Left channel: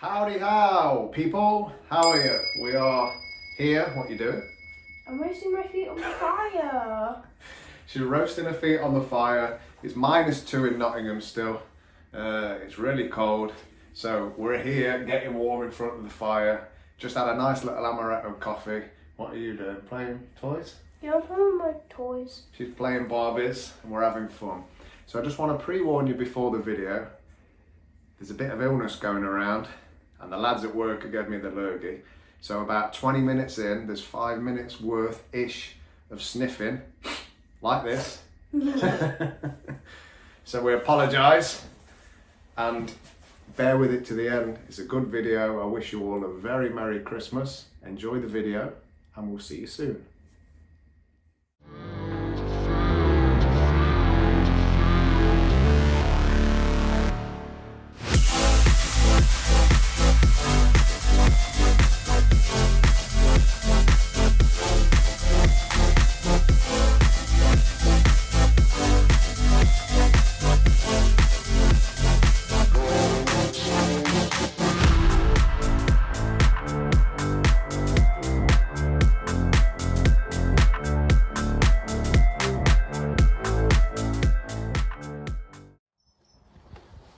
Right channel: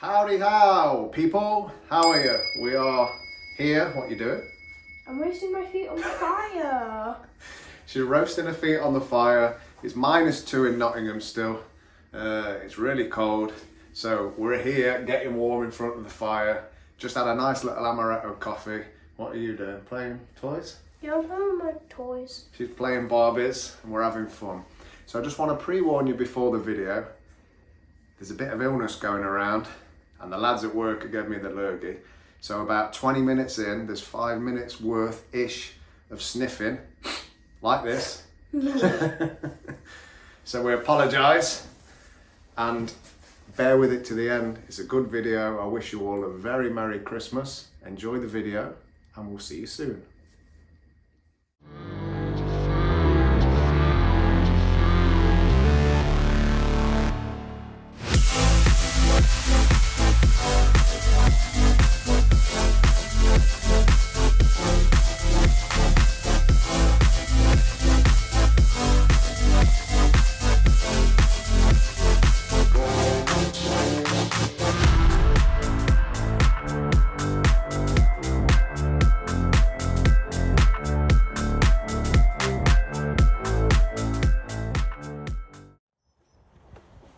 Howdy how, people. How are you? We are here. What you doing? I'm roasting my feet on the fire. She's roasting her feet on the fire. It's -2 in Nottingham still. It's really cold. So we're here getting warm in front of the fire. Just had a nice little amaretto coffee. What are you doing? Playing toys? Yeah, I'm playing with my toys. She's playing Barbies and we're having fun. So I just want to pre-warn you before the video. There's a bit of illness going around and the lads at work have given me the lurgy. So about 20 minutes in, there's 5 minutes worth-ish of sniffing, like this. So we apologise and bear with it to the end. It's a good video. I wish you all a very Merry Christmas. Enjoy the video and we'll see you soon.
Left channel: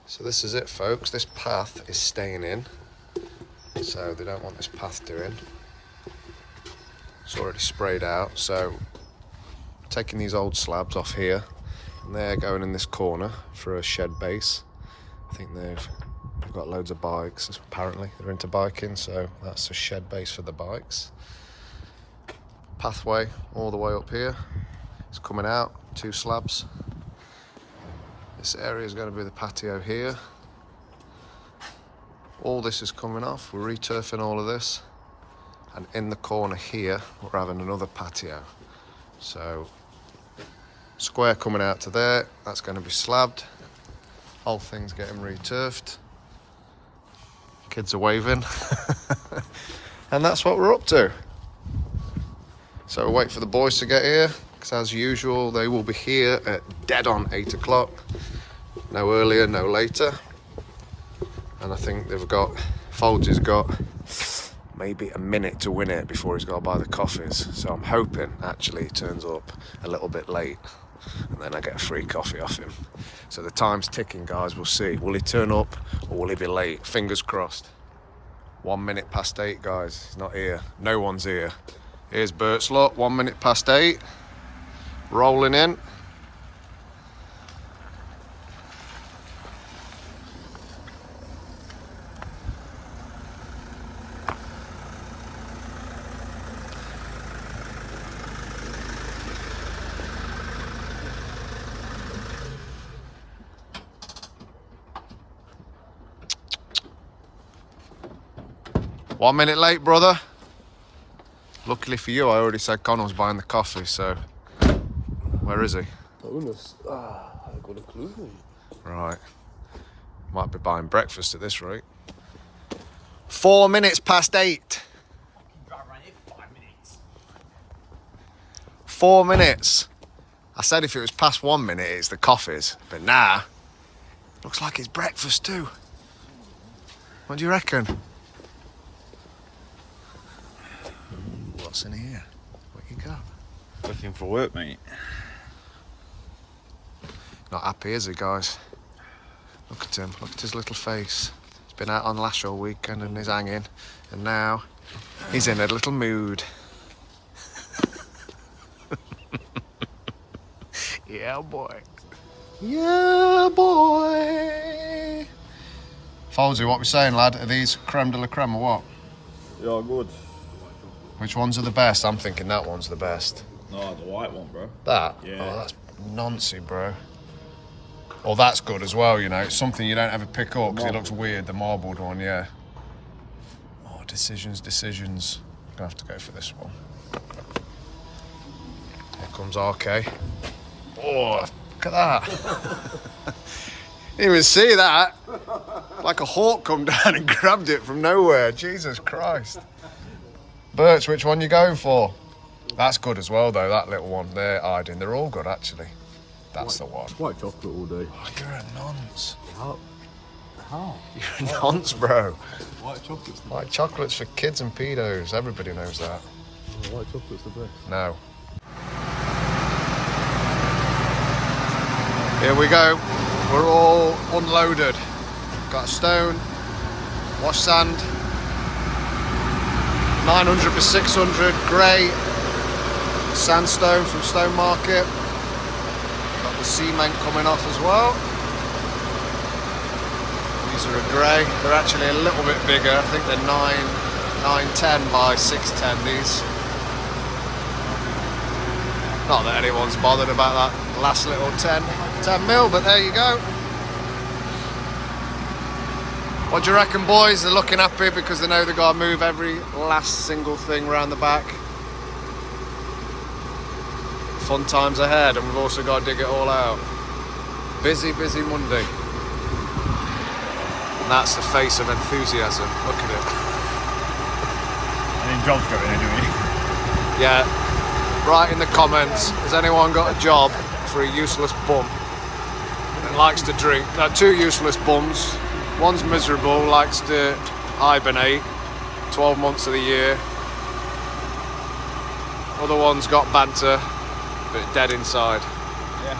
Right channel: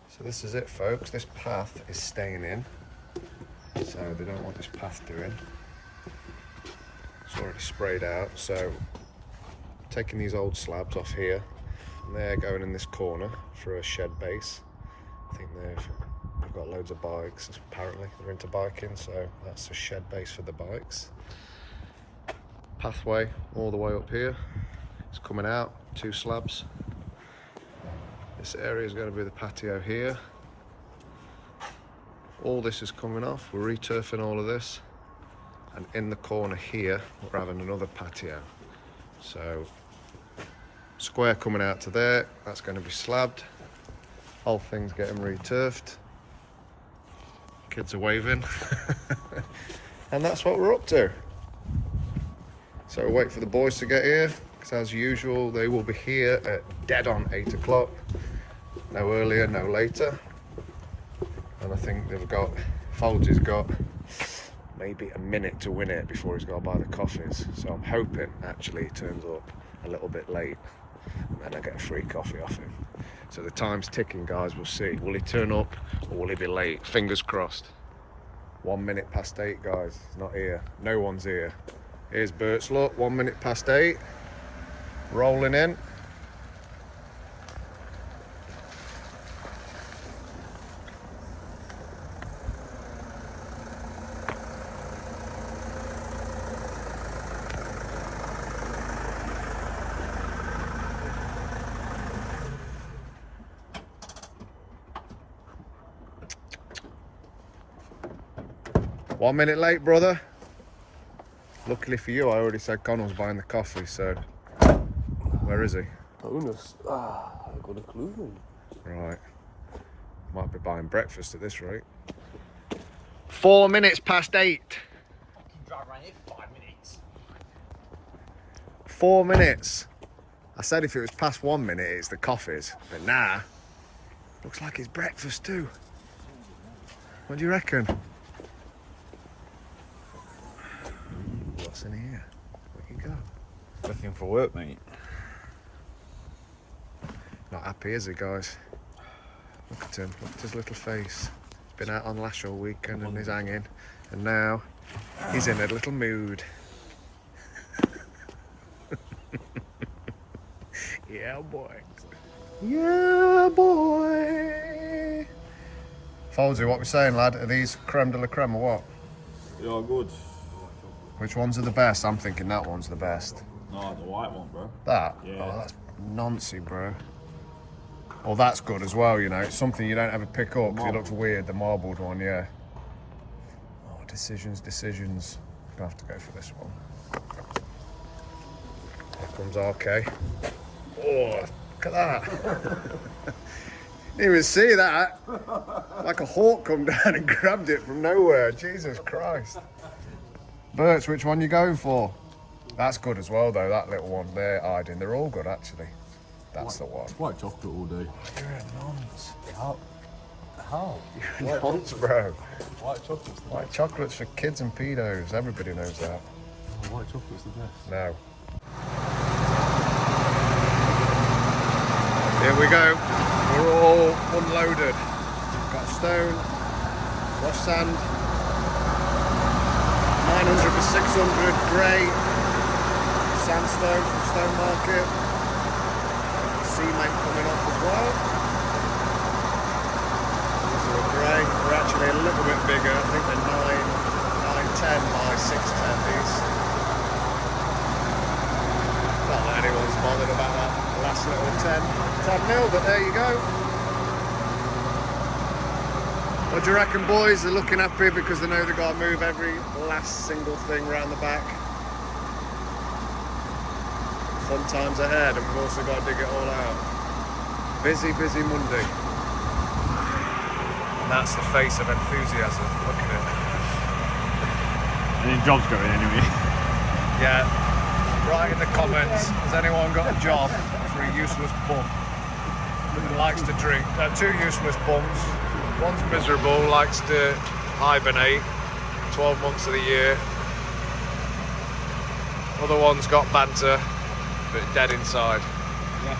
So this is it, folks. This path is staying in, so they don't want this path doing. It's already sprayed out, so taking these old slabs off here, and they're going in this corner for a shed base. I think they've got loads of bikes, apparently. They're into biking, so that's a shed base for the bikes. Pathway all the way up here. It's coming out, 2 slabs. This area is going to be the patio here. All this is coming off. We're returfing all of this. And in the corner here, we're having another patio. So, square coming out to there. That's going to be slabbed. Whole thing's getting returfed. Kids are waving. And that's what we're up to. So we'll wait for the boys to get here. Because as usual, they will be here at dead on 8 o'clock. No earlier, no later. And I think they've got, Folds has got maybe a minute to win it before he's got to buy the coffees. So I'm hoping actually he turns up a little bit late and then I get a free coffee off him. So the time's ticking, guys, we'll see. Will he turn up or will he be late? Fingers crossed. 1 minute past 8, guys. He's not here. No one's here. Here's Bert's look, 1 minute past 8. Rolling in. One minute late, brother. Luckily for you, I already said Connor was buying the coffee, so where is he? I got a clue. Right. Might be buying breakfast at this rate. 4 minutes past 8. I can drive around here for 5 minutes. 4 minutes. I said if it was past 1 minute, it's the coffees. But nah. Looks like it's breakfast too. What do you reckon? What's in here? What you got? Looking for work, mate. Not happy, is he, guys? Look at him. Look at his little face. He's been out on lash all weekend and he's hanging. And now he's in a little mood. Yeah, boy. Yeah, boy. Foldsy, what we saying, lad? Are these creme de la creme or what? Yeah, good. Which ones are the best? I'm thinking that one's the best. No, the white one, bro. That? Yeah. Oh, that's noncy, bro. Oh, that's good as well, you know. It's something you don't ever pick up because it looks weird, the marbled one, yeah. Oh, decisions. I'm gonna have to go for this one. Here comes RK. Oh, look at that. Didn't even see that. Like a hawk come down and grabbed it from nowhere. Jesus Christ. Berts, which one you going for? That's good as well, though, that little one. They're hiding. They're all good, actually. That's the one. White chocolate all day. Oh, you're a nonce. How? You're a nonce, bro. White chocolate's the White chocolate's for kids and pedos. Everybody knows that. best. White chocolate's the best. No. Here we go. We're all unloaded. Got stone, wash sand, 900 by 600 grey sandstone from Stone Market. Got the cement coming off as well. These are a grey. They're actually a little bit bigger. I think they're 910 by 610 these. Not that anyone's bothered about that last little 10 mil, but there you go. What do you reckon, boys? They're looking happy because they know they've got to move every last single thing around the back. Fun times ahead, and we've also got to dig it all out. Busy, busy Monday. And that's the face of enthusiasm. Look at it. And then job's going anyway. Yeah. Write in the comments, has anyone got a job for a useless bum that likes to drink? No, two useless bums. One's miserable, likes to hibernate 12 months of the year. Other one's got banter, but dead inside. Yeah.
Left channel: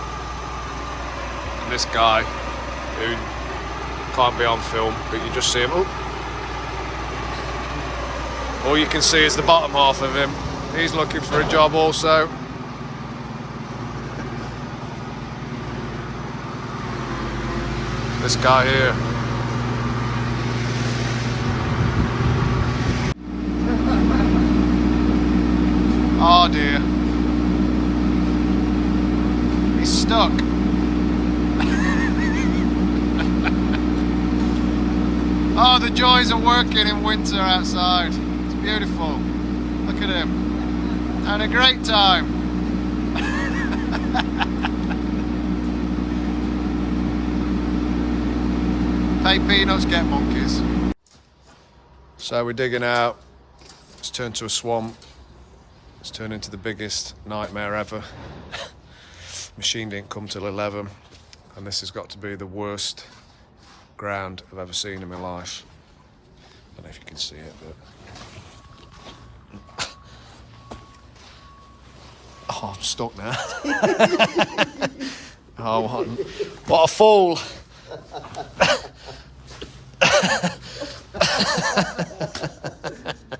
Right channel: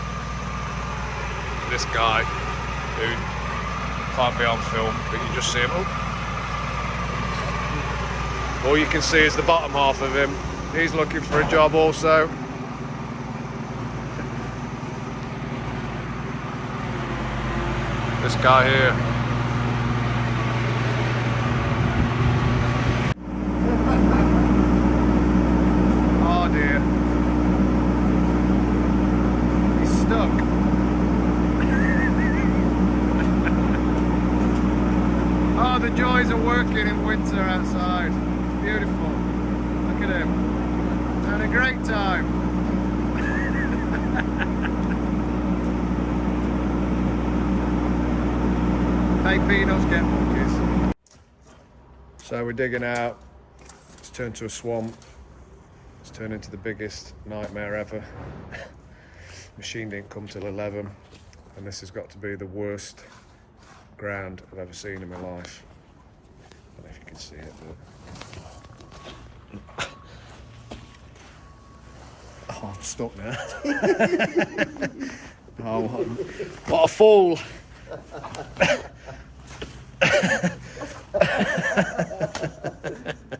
And this guy, who can't be on film, but you just see him. Oh. All you can see is the bottom half of him. He's looking for a job also. This guy here. Oh dear. He's stuck. Oh, the joys of working in winter outside. It's beautiful. Look at him. Having a great time. Pay peanuts, get monkeys. So we're digging out. It's turned to a swamp. It's turned into the biggest nightmare ever. Machine didn't come till 11, and this has got to be the worst ground I've ever seen in my life. I don't know if you can see it, but oh, I'm stuck now. Oh, what a fool!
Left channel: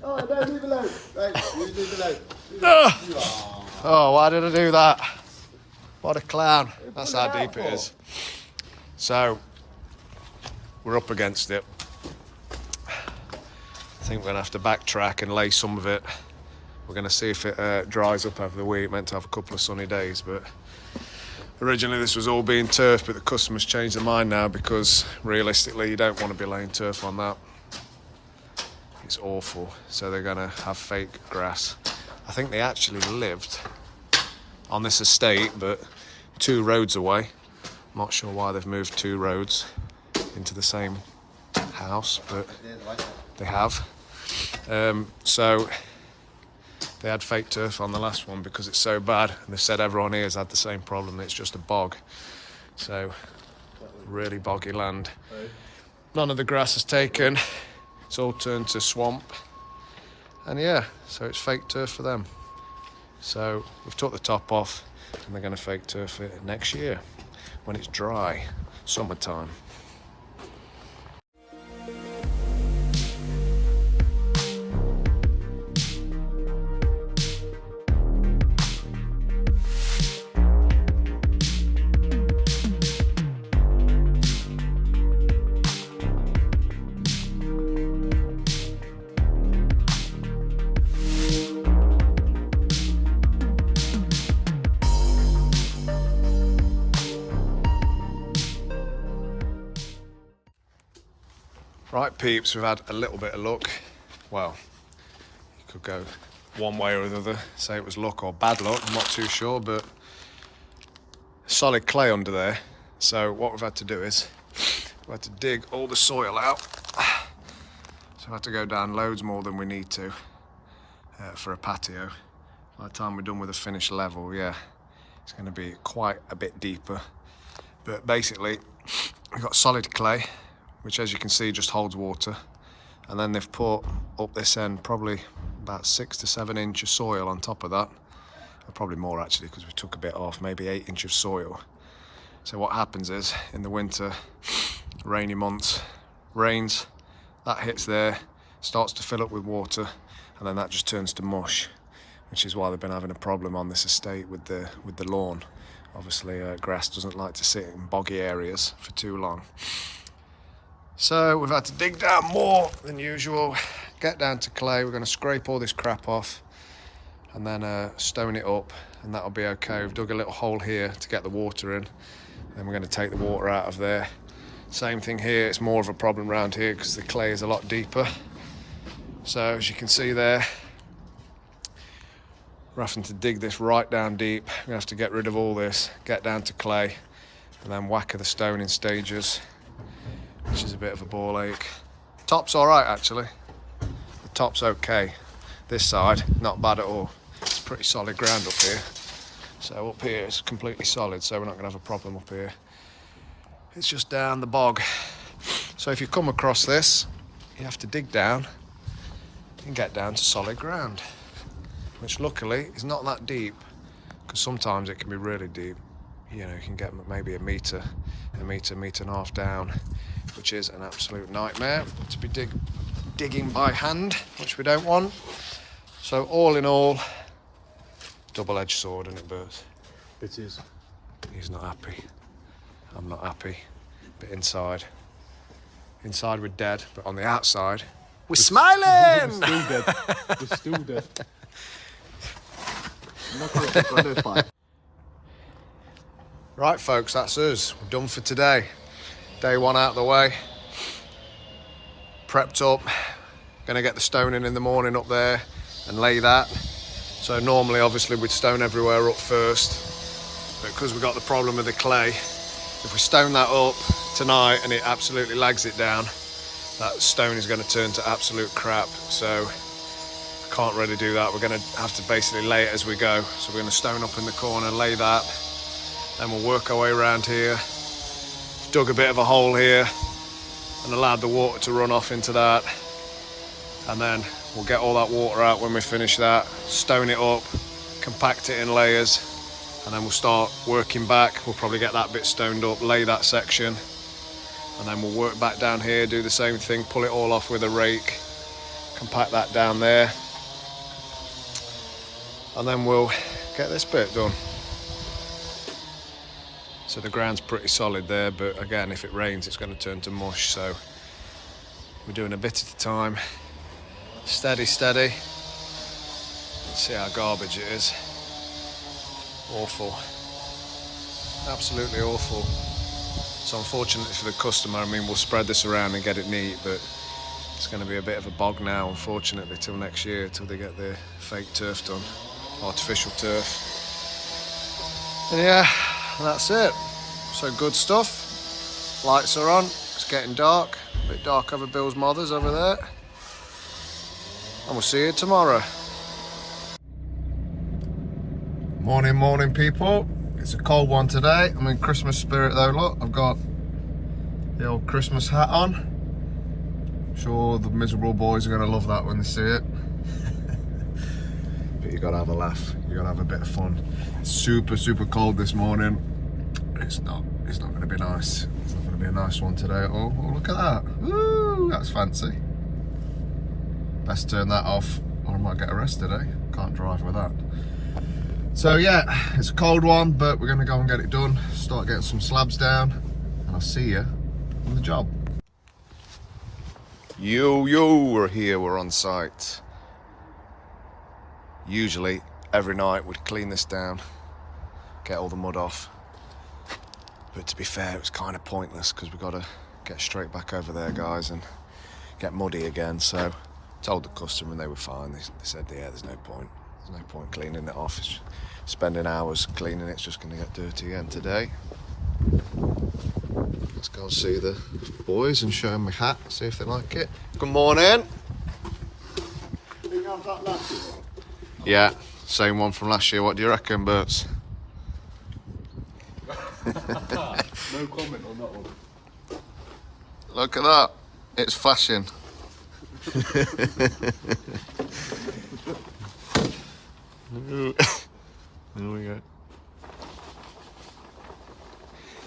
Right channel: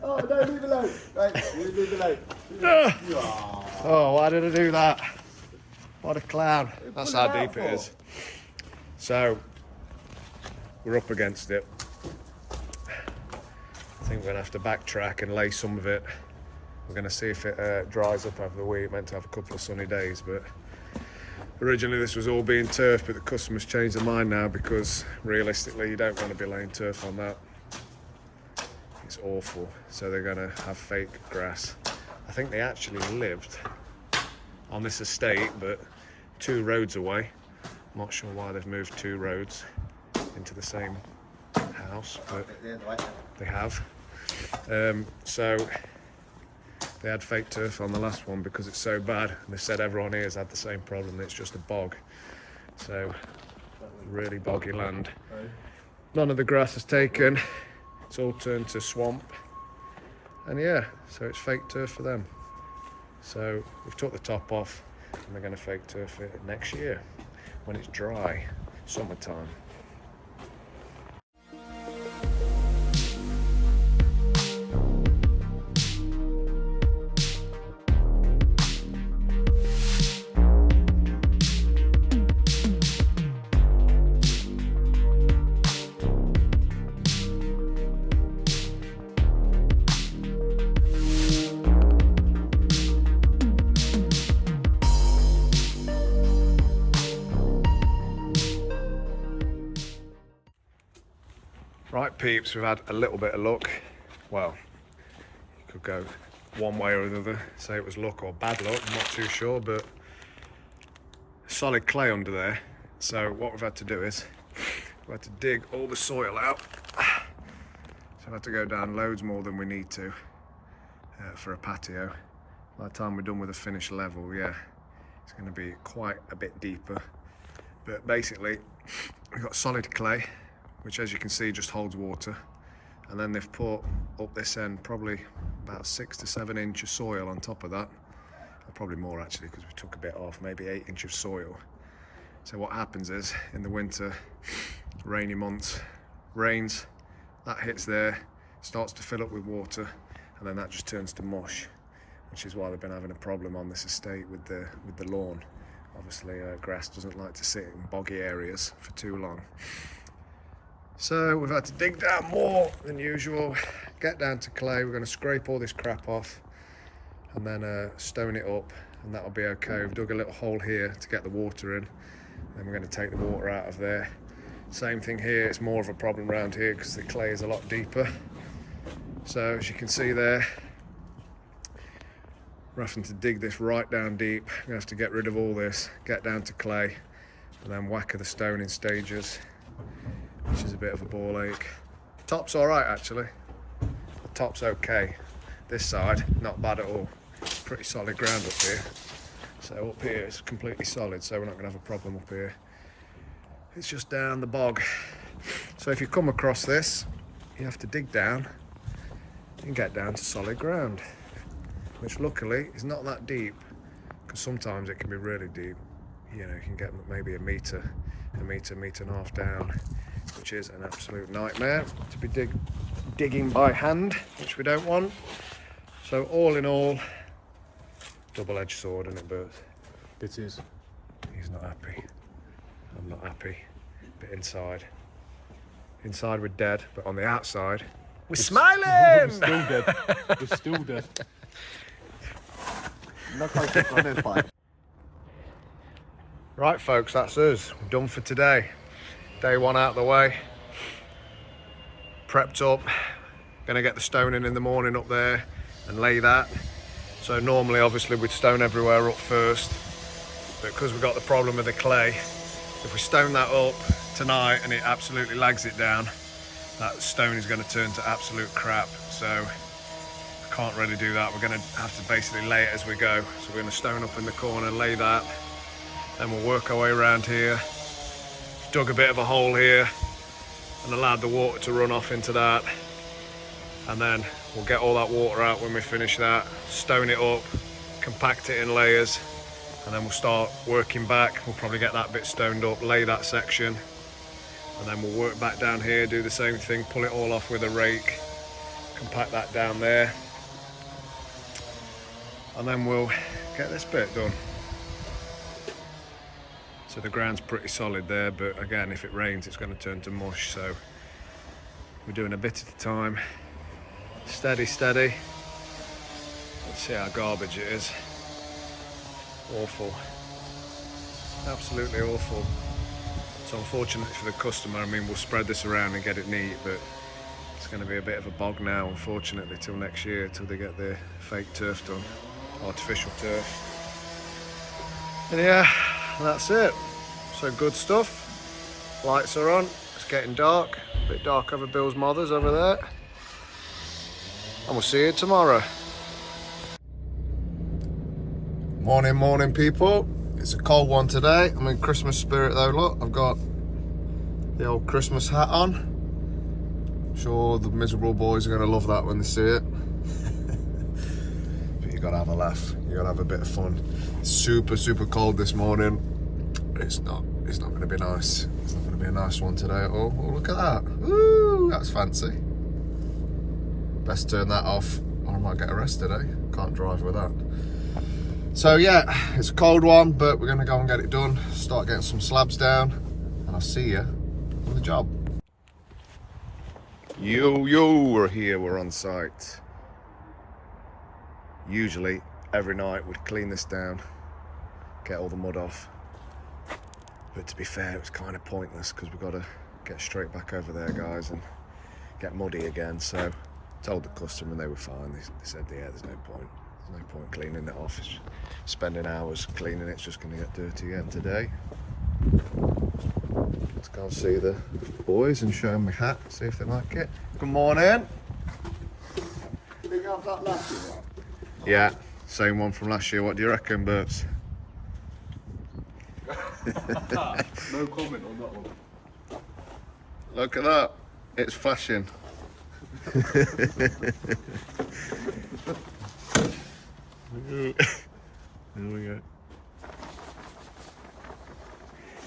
Oh, no, leave it alone. Right, you leave it alone. Oh, why did I do that? What a clown. That's how deep it is. So, we're up against it. I think we're going to have to backtrack and lay some of it. We're going to see if it dries up over the week. Meant to have a couple of sunny days, but originally this was all being turf, but the customers changed their mind now because realistically you don't want to be laying turf on that. It's awful. So they're going to have fake grass. I think they actually lived on this estate, but 2 roads away. I'm not sure why they've moved 2 roads into the same house, but they have. So they had fake turf on the last one because it's so bad, and they said everyone here has had the same problem. It's just a bog. So really boggy land. None of the grass is taken. It's all turned to swamp. And yeah, so it's fake turf for them. So we've took the top off, and they're going to fake turf it next year when it's dry, summertime. Right, peeps, we've had a little bit of luck. Well, you could go one way or the other, say it was luck or bad luck, I'm not too sure, but solid clay under there. So what we've had to do is we've had to dig all the soil out. So I've had to go down loads more than we need to for a patio. By the time we're done with the finished level, yeah, it's going to be quite a bit deeper. But basically, we've got solid clay, which as you can see just holds water. and then they've put up this end probably about 6 to 7 inch of soil on top of that, or probably more actually because we took a bit off, maybe 8 inch of soil. So what happens is in the winter, rainy months, rains, that hits there, starts to fill up with water, and then that just turns to mush, which is why they've been having a problem on this estate with the lawn. Obviously grass doesn't like to sit in boggy areas for too long. So we've had to dig down more than usual, get down to clay. We're going to scrape all this crap off and then stone it up, and that'll be okay. We've dug a little hole here to get the water in, and then we're going to take the water out of there. Same thing here, it's more of a problem around here because the clay is a lot deeper. So as you can see there, we're having to dig this right down deep. We're gonna have to get rid of all this, get down to clay, and then whack the stone in stages, which is a bit of a ball ache. Top's all right actually. The top's okay. This side, not bad at all. It's pretty solid ground up here. So up here it's completely solid, so we're not gonna have a problem up here. It's just down the bog. So if you come across this, you have to dig down and get down to solid ground, which luckily is not that deep, because sometimes it can be really deep. You know, you can get maybe a metre and a half down, which is an absolute nightmare to be digging by hand, which we don't want. So all in all, double-edged sword, isn't it, Bert? It is. He's not happy. I'm not happy. But inside we're dead, but on the outside, we're smiling! We're still dead. We're still dead. Right folks, that's us. We're done for today. Day one out of the way. Prepped up. Gonna get the stone in the morning up there and lay that. So normally obviously we'd stone everywhere up first, but because we've got the problem with the clay, if we stone that up tonight and it absolutely lags it down, that stone is going to turn to absolute crap. So I can't really do that. We're going to have to basically lay it as we go. So we're going to stone up in the corner, lay that, then we'll work our way around here. Dug a bit of a hole here and allowed the water to run off into that, and then we'll get all that water out when we finish that, stone it up, compact it in layers, and then we'll start working back. We'll probably get that bit stoned up, lay that section, and then we'll work back down here, do the same thing, pull it all off with a rake, compact that down there, and then we'll get this bit done. So the ground's pretty solid there, but again, if it rains, it's going to turn to mush, so we're doing a bit at a time. Steady, steady. See how garbage it is. Awful. Absolutely awful. So unfortunately for the customer, I mean, we'll spread this around and get it neat, but it's going to be a bit of a bog now, unfortunately, till next year, till they get their fake turf done. Artificial turf. And yeah, that's it. So good stuff. Lights are on. It's getting dark. A bit dark over Bill's mothers over there. And we'll see you tomorrow. Morning people. It's a cold one today. I'm in Christmas spirit though, look. I've got the old Christmas hat on. I'm sure the miserable boys are going to love that when they see it. But you got to have a laugh. You got to have a bit of fun. It's super cold this morning. It's not going to be nice. It's not going to be a nice one today at all. Oh, look at that. Woo, that's fancy. Best turn that off or I might get arrested, eh? Can't drive with that. So yeah, it's a cold one, but we're gonna go and get it done, start getting some slabs down, and I'll see you on the job. Yo, we're here, we're on site. Usually, every night we'd clean this down, get all the mud off. But to be fair, it was kind of pointless because we've got to get straight back over there, guys, and get muddy again. So told the customer and they were fine. They said, yeah, there's no point. There's no point cleaning it off. It's spending hours cleaning it's just going to get dirty again today. Let's go and see the boys and show them my hat, see if they like it. Good morning. Did you have that last year? Yeah, same one from last year. What do you reckon, Berts? No comment on that one. Look at that. It's flashing. There we go.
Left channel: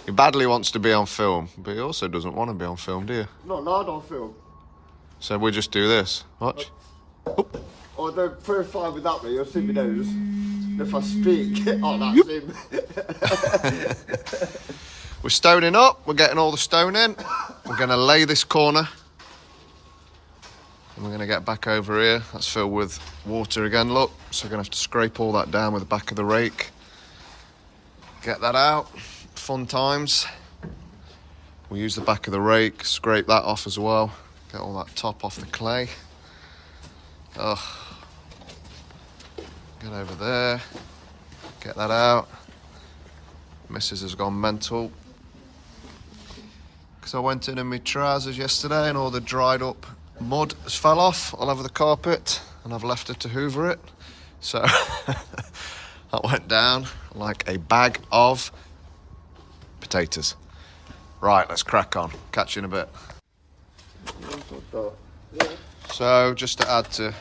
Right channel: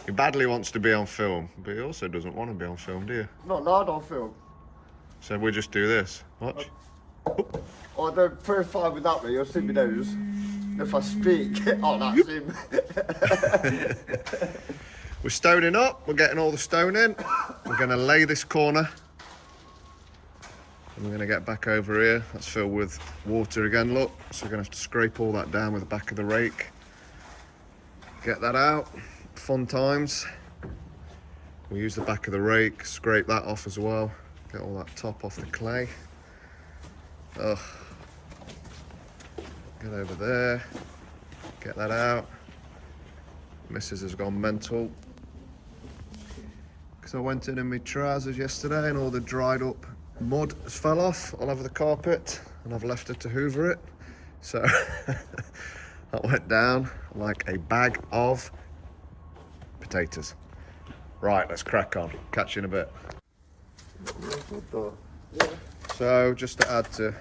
He badly wants to be on film, but he also doesn't want to be on film, do you? Not loud on film. So we just do this. Watch. I don't profile without me, you'll see me nose. If I speak, oh, that's him. We're stoning up. We're getting all the stone in. We're going to lay this corner. And we're going to get back over here. That's filled with water again, look. So we're going to have to scrape all that down with the back of the rake. Get that out. Fun times. We'll use the back of the rake, scrape that off as well. Get all that top off the clay. Ugh. Get over there. Get that out. Missus has gone mental. Because I went in my trousers yesterday and all the dried up mud has fell off all over the carpet and I've left her to hoover it. So that went down like a bag of potatoes. Right, let's crack on. Catch you in a bit. So just to add to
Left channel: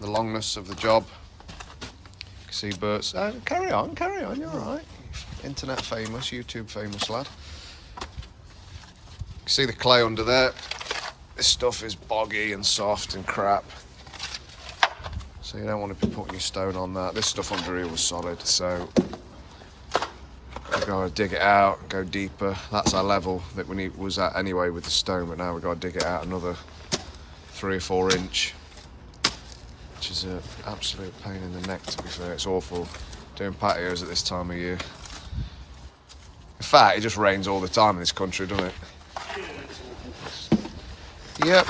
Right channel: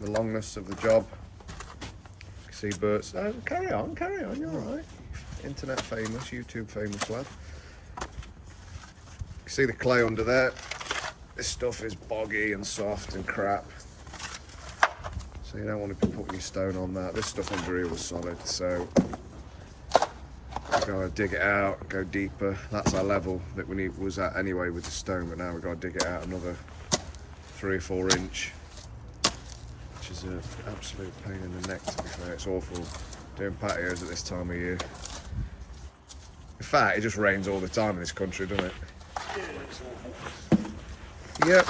the longness of the job, you can see Bert's, carry on, you're all right. Internet famous, YouTube famous lad. You can see the clay under there. This stuff is boggy and soft and crap. So you don't want to be putting your stone on that. This stuff under here was solid, so we've got to dig it out, go deeper. That's our level that we was at anyway with the stone, but now we've got to dig it out another 3 or 4 inch, which is an absolute pain in the neck, to be fair. It's awful doing patios at this time of year. In fact, it just rains all the time in this country, doesn't it? Yep.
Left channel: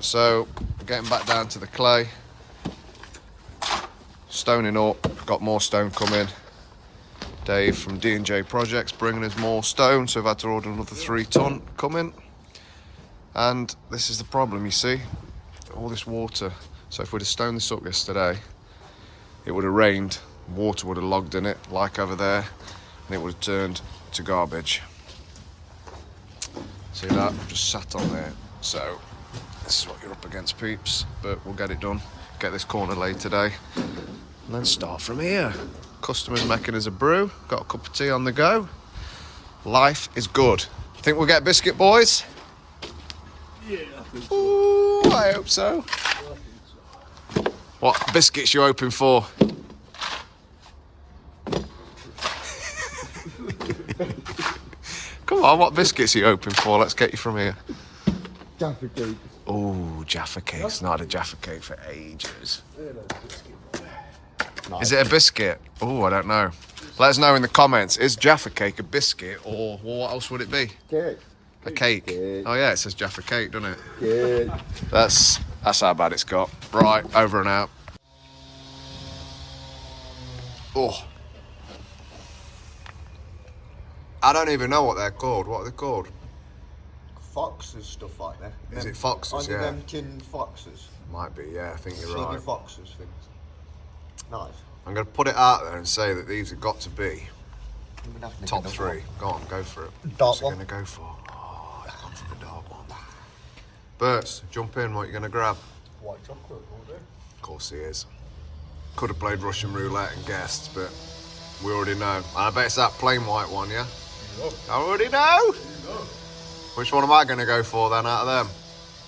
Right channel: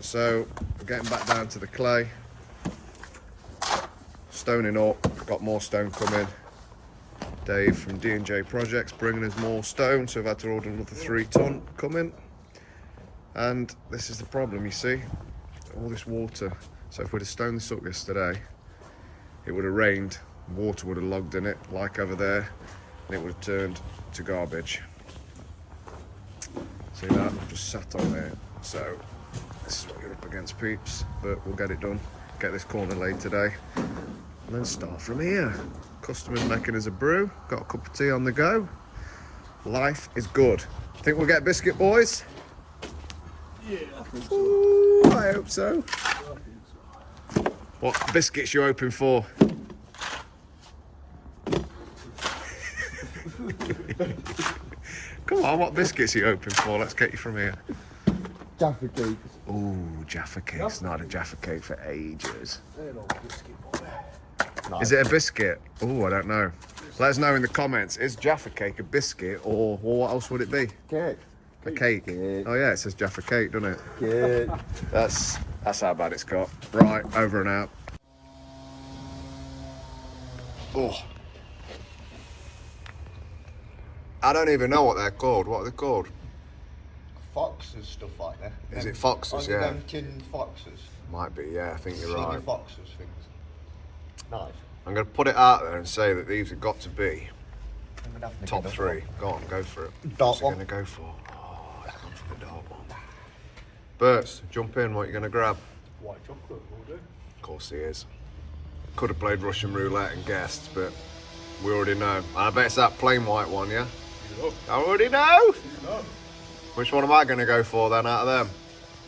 So, we're getting back down to the clay. Stoning up, got more stone coming. Dave from D&J Projects bringing us more stone, so we've had to order another 3 ton coming. And this is the problem, you see, all this water. So if we'd have stoned this up yesterday, it would have rained, water would have logged in it, like over there, and it would have turned to garbage. See that? Just sat on there. So this is what you're up against, peeps, but we'll get it done. Get this corner laid today, and then start from here. Customer's making us a brew, got a cup of tea on the go. Life is good. Think we'll get biscuit, boys? Yeah, I think so. Ooh, I hope so. What biscuits you hoping for? Come on, what biscuits are you hoping for? Let's get you from here. Jaffa cakes. Oh, Jaffa cakes. Not had a Jaffa cake for ages. No. Is it a biscuit? Oh, I don't know. Let us know in the comments. Is Jaffa cake a biscuit, or what else would it be? Cake. A cake. Cake. Oh yeah, it says Jaffa cake, doesn't it? Cake. That's how bad it's got. Right, over and out. Oh. I don't even know what they're called. What are they called? Foxes, stuff like that. Is it foxes? Only Yeah. them tin foxes. Might be, yeah, I think you're Senior right. foxes things. Nice. I'm going to put it out there and say that these have got to be I'm gonna have to top get a 3. Go on, go for it. Dark What's it one. going to go for? Oh, it's gone for the dark one. Berts, jump in, what are you going to grab? White chocolate all day. Of course he is. Could have played Russian roulette and guessed, but we already know. And I bet it's that plain white one, yeah? You know. I already know! You know. Which one am I going to go for then out of them?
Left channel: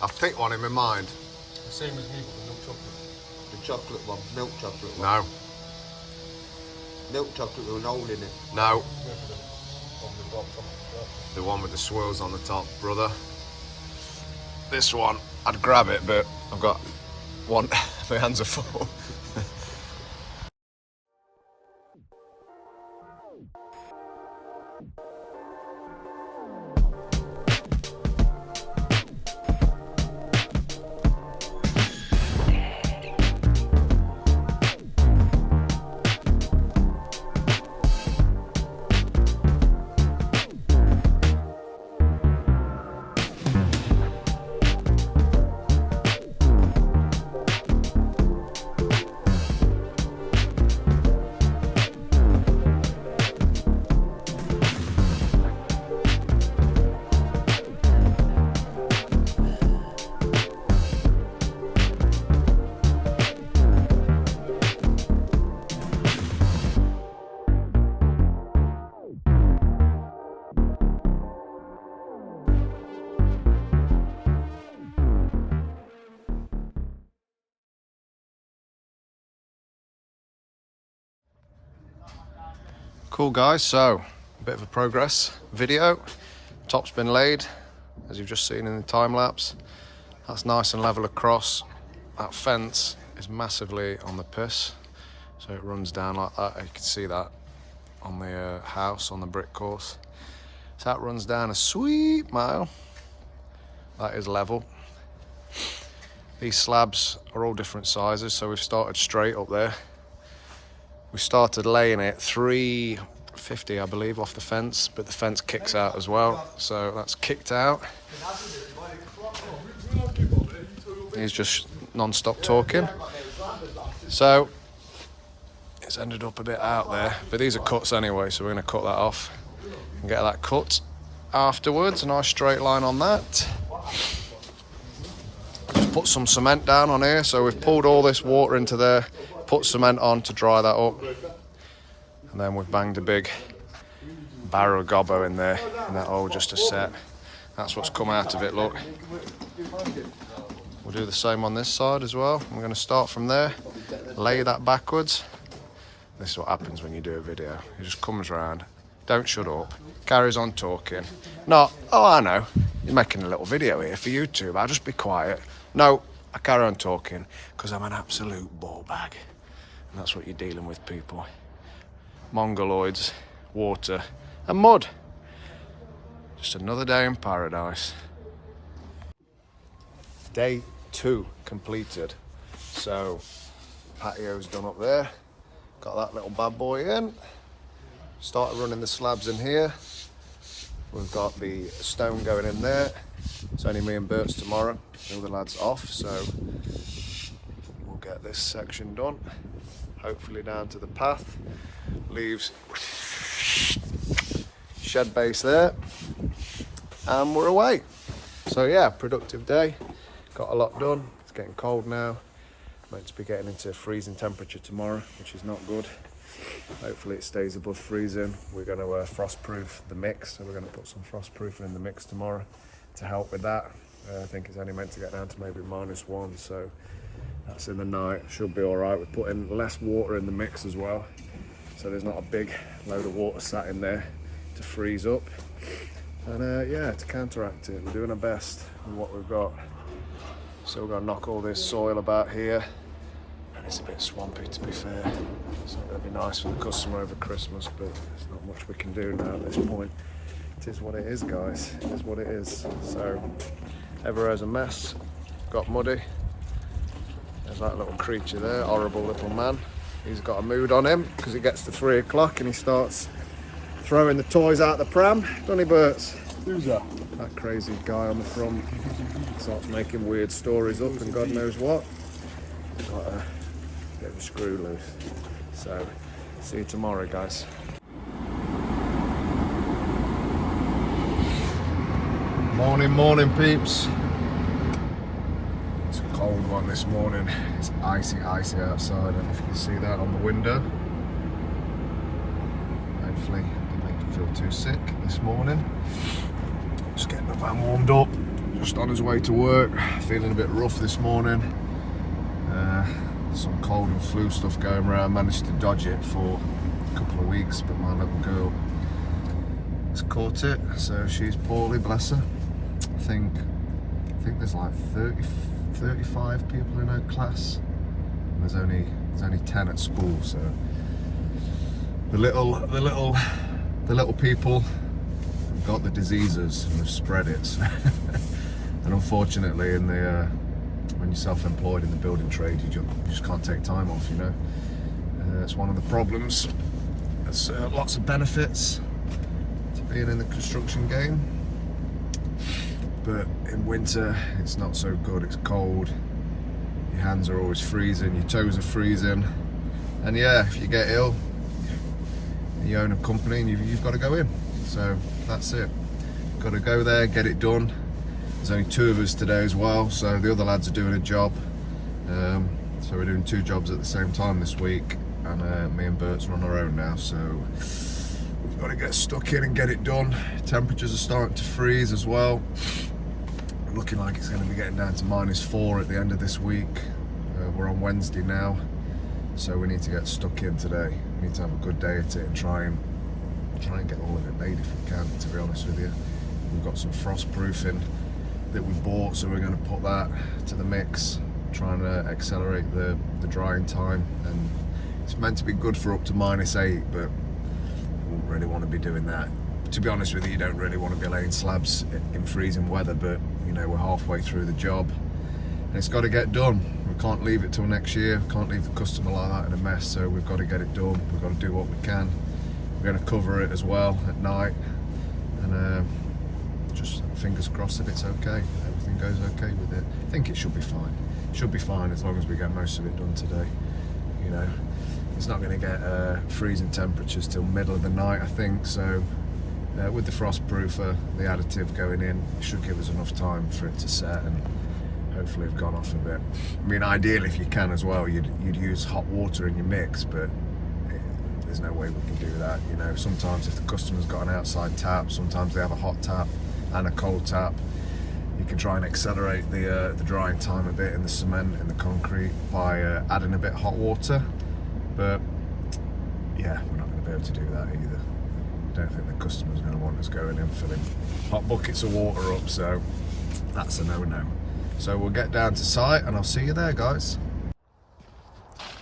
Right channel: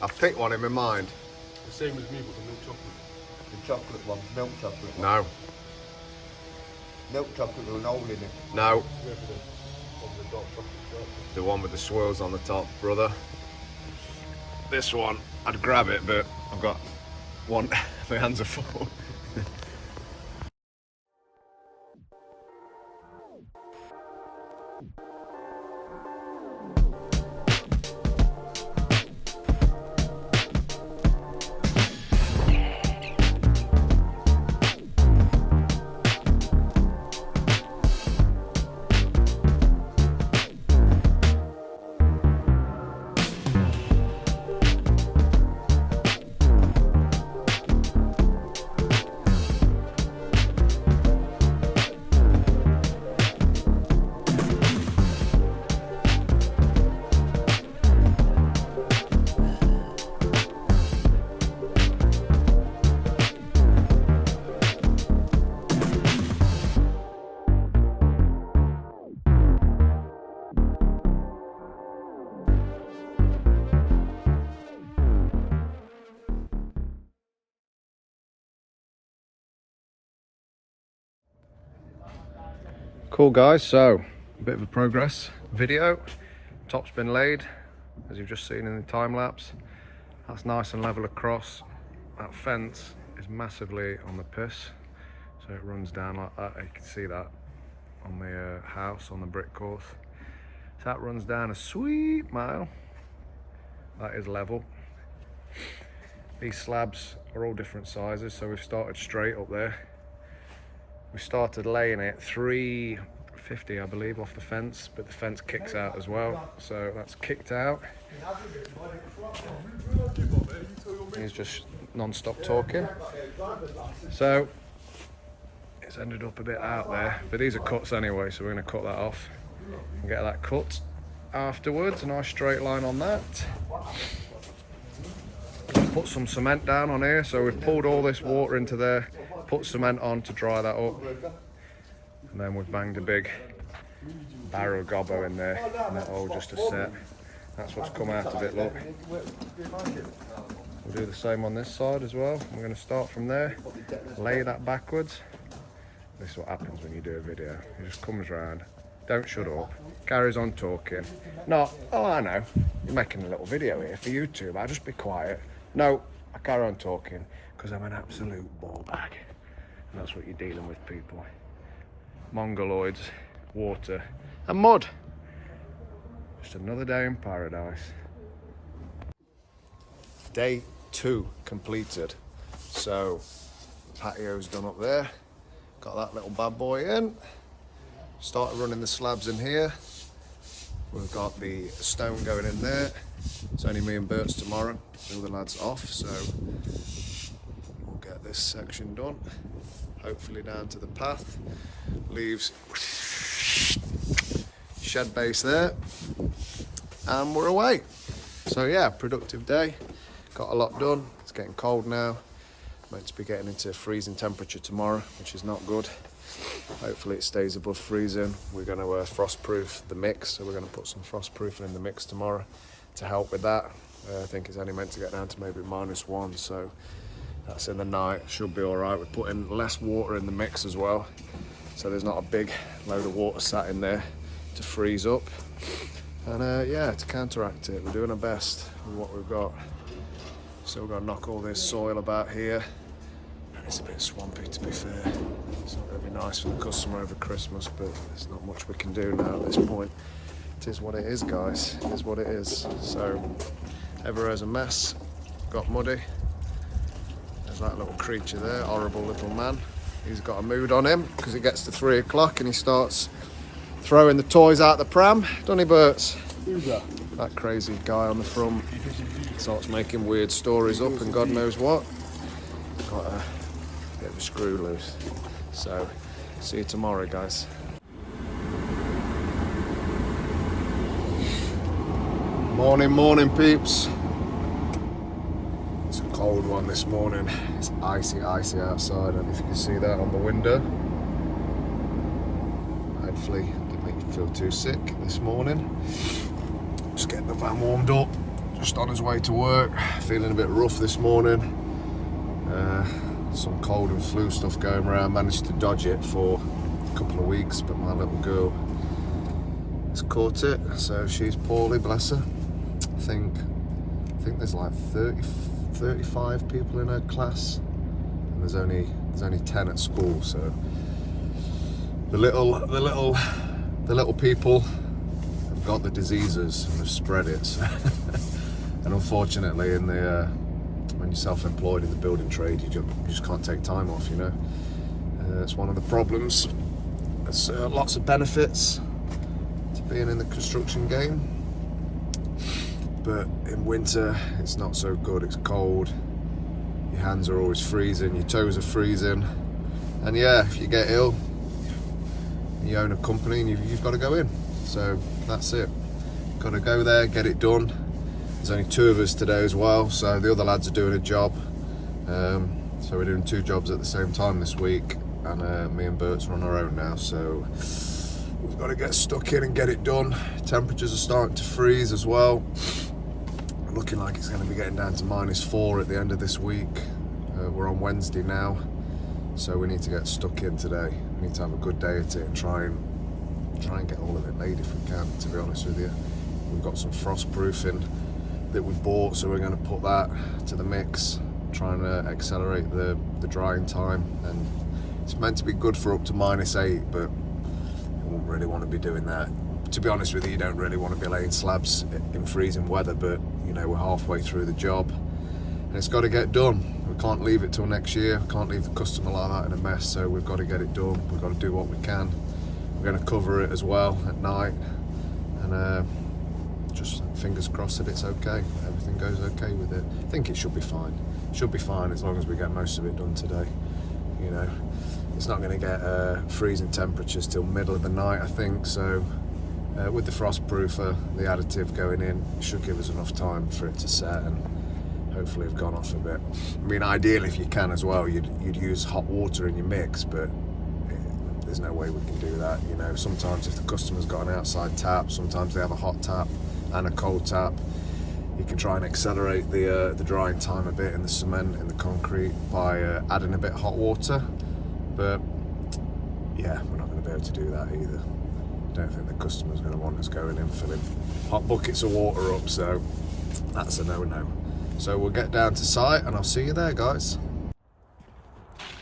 I've picked one in my mind. The same as me, but the milk chocolate. The chocolate one, milk chocolate one. No, Milk chocolate with an hole in it. no. Where for the, on the dark chocolate. The one with the swirls on the top, brother. This one, I'd grab it, but I've got one, my hands are full. Cool guys, so a bit of a progress video. Top's been laid, as you've just seen in the time lapse. That's nice and level across. That fence is massively on the piss, so it runs down like that. You can see that on the house, on the brick course. So that runs down a sweet mile. That is level. These slabs are all different sizes, so we've started straight up there. We started laying it 350, I believe, off the fence, but the fence kicks out as well, so that's kicked out. He's just non-stop talking. So it's ended up a bit out there, but these are cuts anyway, so we're going to cut that off and get that cut afterwards. A nice straight line on that. Just put some cement down on here, so we've pulled all this water into there, put cement on to dry that up, and then we've banged a big barrow gobbo in there, and that all just a set. That's what's come out of it, look. We'll do the same on this side as well. We're going to start from there, lay that backwards. This is what happens when you do a video. He just comes round, don't shut up, carries on talking. Not, oh I know, you're making a little video here for YouTube, I'll just be quiet. No, I carry on talking because I'm an absolute ball bag. And that's what you're dealing with, people. Mongoloids, water and mud. Just another day in paradise. Day 2 completed. So, patio's done up there. Got that little bad boy in. Started running the slabs in here. We've got the stone going in there. It's only me and Bert's tomorrow. The other lad's off, so we'll get this section done. Hopefully down to the path. Leaves shed base there. And we're away. So yeah, productive day. Got a lot done. It's getting cold now. Meant to be getting into freezing temperature tomorrow, which is not good. Hopefully it stays above freezing. We're going to frost-proof the mix, so we're going to put some frost-proofing in the mix tomorrow to help with that. I think it's only meant to get down to maybe -1, so that's in the night. Should be all right. We're putting less water in the mix as well, so there's not a big load of water sat in there to freeze up. And yeah, to counteract it, we're doing our best with what we've got. Still got to knock all this soil about here, and it's a bit swampy to be fair. It's not going to be nice for the customer over Christmas, but there's not much we can do now at this point. It is what it is, guys. It is what it is. So everywhere's a mess. Got muddy. There's that little creature there, horrible little man. He's got a mood on him because it gets to 3 o'clock and he starts throwing the toys out the pram. Doesn't he, Berts? Who's that? That crazy guy on the front starts making weird stories up and God knows what. Got a bit of a screw loose. So, see you tomorrow, guys. Morning, morning, peeps. It's a cold one this morning. It's icy, icy outside. I don't know if you can see that on the window. Hopefully, it didn't make you feel too sick this morning. Just getting the van warmed up, just on his way to work. Feeling a bit rough this morning. Some cold and flu stuff going around. Managed to dodge it for a couple of weeks, but my little girl has caught it, so she's poorly, bless her. I think there's like 35 people in her class, and there's only 10 at school. So the little people have got the diseases and they've spread it. And unfortunately, in the when you're self-employed in the building trade, you just can't take time off. You know, it's one of the problems. There's lots of benefits to being in the construction game, but in winter it's not so good. It's cold, your hands are always freezing, your toes are freezing, and yeah, if you get ill and you own a company and you've got to go in, so that's it. Got to go there, get it done. There's only 2 of us today as well, so the other lads are doing a job, so we're doing 2 jobs at the same time this week, and me and Bert's are on our own now, so we've got to get stuck in and get it done. Temperatures are starting to freeze as well. Looking like it's going to be getting down to -4 at the end of this week. We're on Wednesday now, so we need to get stuck in today. We need to have a good day at it and try and try and get all of it made if we can, to be honest with you. We've got some frost proofing that we bought, so we're going to put that to the mix, trying to accelerate the drying time. And it's meant to be good for up to -8, but I wouldn't really want to be doing that. To be honest with you, you don't really want to be laying slabs in freezing weather, but you know, we're halfway through the job and it's got to get done. We can't leave it till next year. We can't leave the customer like that in a mess, so we've got to get it done. We've got to do what we can. We're going to cover it as well at night, and just fingers crossed that it's okay, everything goes okay with it. I think it should be fine. It should be fine as long as we get most of it done today. You know, it's not going to get freezing temperatures till middle of the night, I think, so with the frost proofer, the additive going in, it should give us enough time for it to set and hopefully have gone off a bit. I mean, ideally, if you can as well, you'd use hot water in your mix, but there's no way we can do that. You know, sometimes if the customer's got an outside tap, sometimes they have a hot tap and a cold tap. You can try and accelerate the drying time a bit in the cement and the concrete by adding a bit of hot water, but yeah, we're not going to be able to do that either. Don't think the customer's going to want us going in filling hot buckets of water up, so that's a no-no. So we'll get down to site and I'll see you there, guys.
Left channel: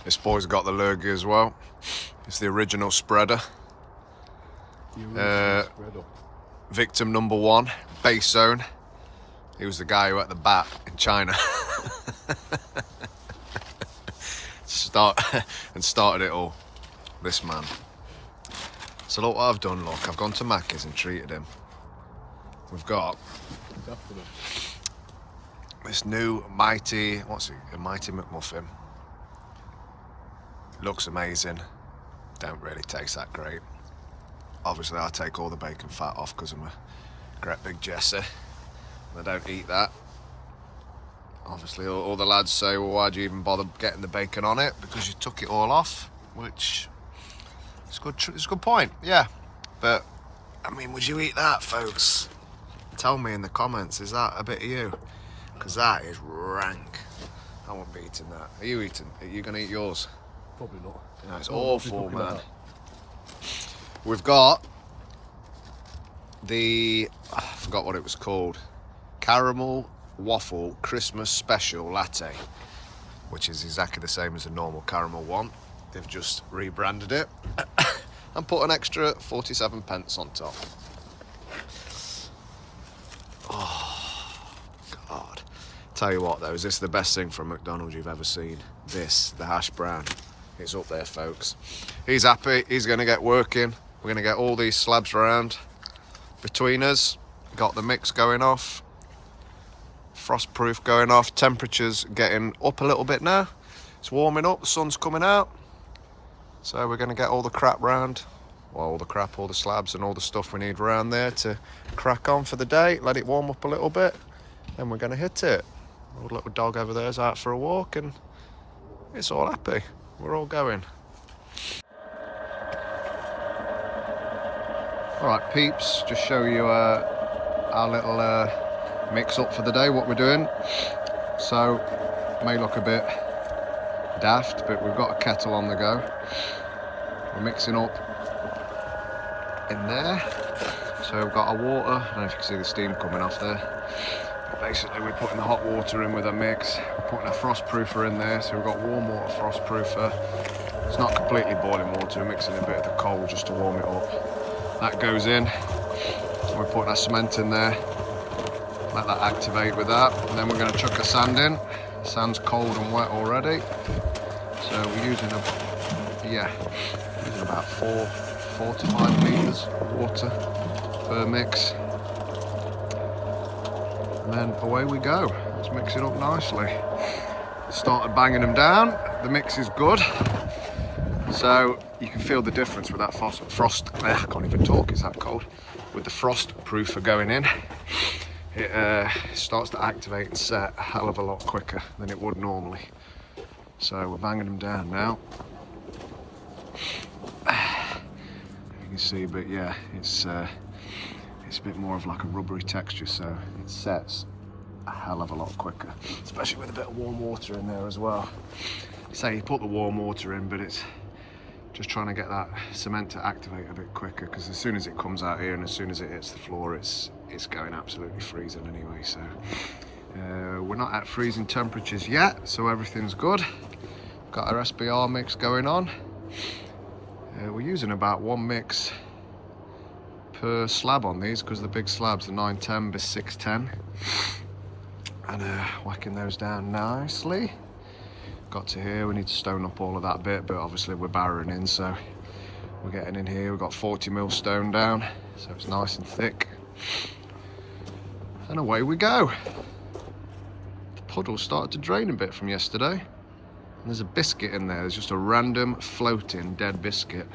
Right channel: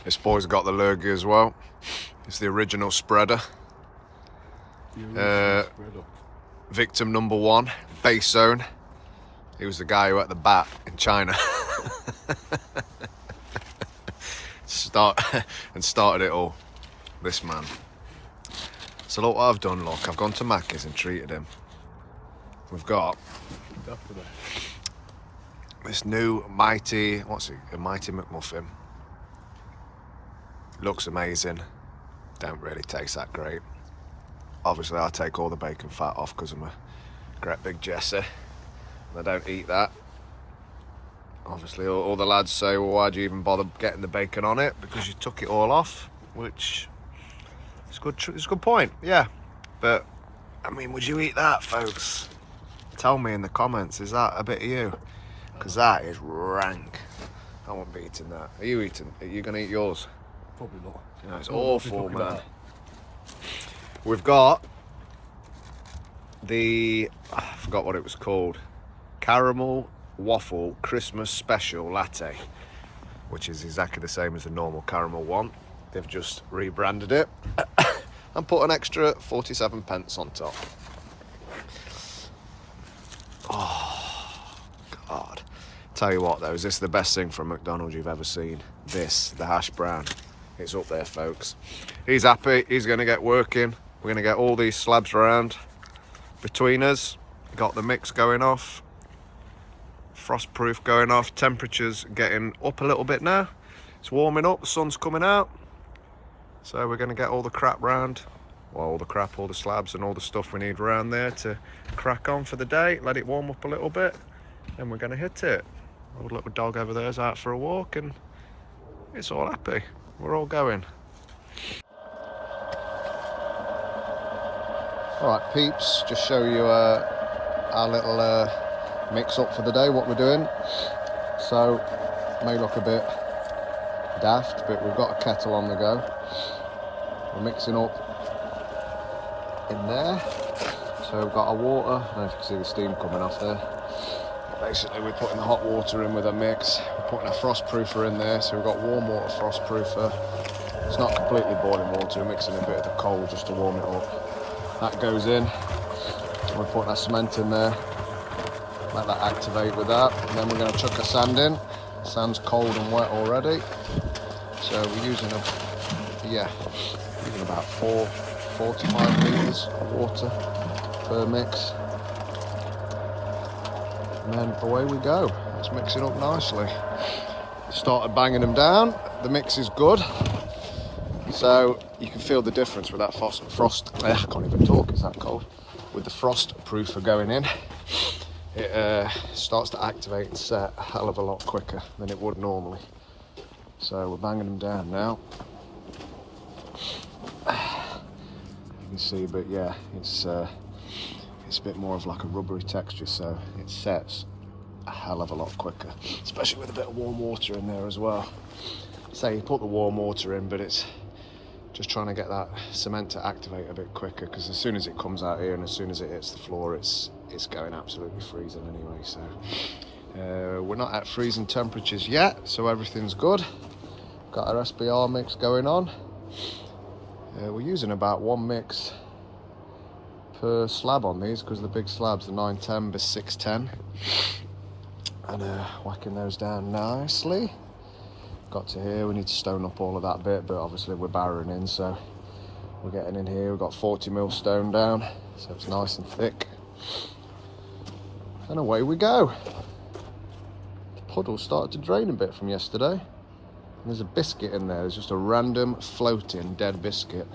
This boy's got the lurgy as well. It's the original spreader. Victim number 1, base zone. He was the guy who had the bat in China. Started it all. This man. So look what I've done, look. I've gone to Macca's and treated him. We've got this new Mighty, what's it? A Mighty McMuffin. Looks amazing. Don't really taste that great. Obviously, I take all the bacon fat off because I'm a great big Jesse. I don't eat that. Obviously, all the lads say, well, why do you even bother getting the bacon on it? Because you took it all off, which is good. It's a good point, yeah. But, I mean, would you eat that, folks? Tell me in the comments, is that a bit of you? Because that is rank. I won't be eating that. Are you eating? Are you going to eat yours? Probably not. Yeah, it's awful, man. We've got the, I forgot what it was called, caramel waffle Christmas special latte, which is exactly the same as the normal caramel one. They've just rebranded it and put an extra 47 pence on top. Oh God, tell you what though, is this the best thing from McDonald's you've ever seen? This, the hash brown, it's up there, folks. He's happy, he's going to get working. We're going to get all these slabs around between us. Got the mix going off, frost proof going off, temperatures getting up a little bit now. It's warming up, the sun's coming out. So we're going to get all the crap round, well, all the slabs and all the stuff we need around there to crack on for the day, let it warm up a little bit, and we're going to hit it. Our little dog over there is out for a walk and it's all happy. We're all going. Alright peeps, just show you our little mix up for the day, what we're doing. So, may look a bit daft, but we've got a kettle on the go. We're mixing up in there. So we've got our water, I don't know if you can see the steam coming off there. Basically we're putting the hot water in with our mix, we're putting our frost proofer in there, so we've got warm water frost proofer. It's not completely boiling water, we're mixing a bit of the cold just to warm it up. That goes in, we're putting our cement in there, let that activate with that, and then we're going to chuck our sand in. The sand's cold and wet already, so we're using about 45 litres of water per mix, and then away we go. Let's mix it up nicely. Started banging them down, the mix is good. So you can feel the difference with that frost, I can't even talk, it's that cold. With the frost proofer going in, it starts to activate and set a hell of a lot quicker than it would normally. So we're banging them down now. You can see, but yeah, it's a bit more of like a rubbery texture, so it sets a hell of a lot quicker, especially with a bit of warm water in there as well. So you put the warm water in, but it's Just trying to get that cement to activate a bit quicker, because as soon as it comes out here and as soon as it hits the floor, it's going absolutely freezing anyway. So we're not at freezing temperatures yet, so everything's good. Got our SBR mix going on. We're using about 1 mix per slab on these, because the big slabs are 910 by 610, and whacking those down nicely. Got to here, we need to stone up all of that bit, but obviously we're barrowing in, so we're getting in here. We've got 40mm stone down, so it's nice and thick, and away we go. The puddle started to drain a bit from yesterday, and there's a biscuit in there. There's just a random floating dead biscuit.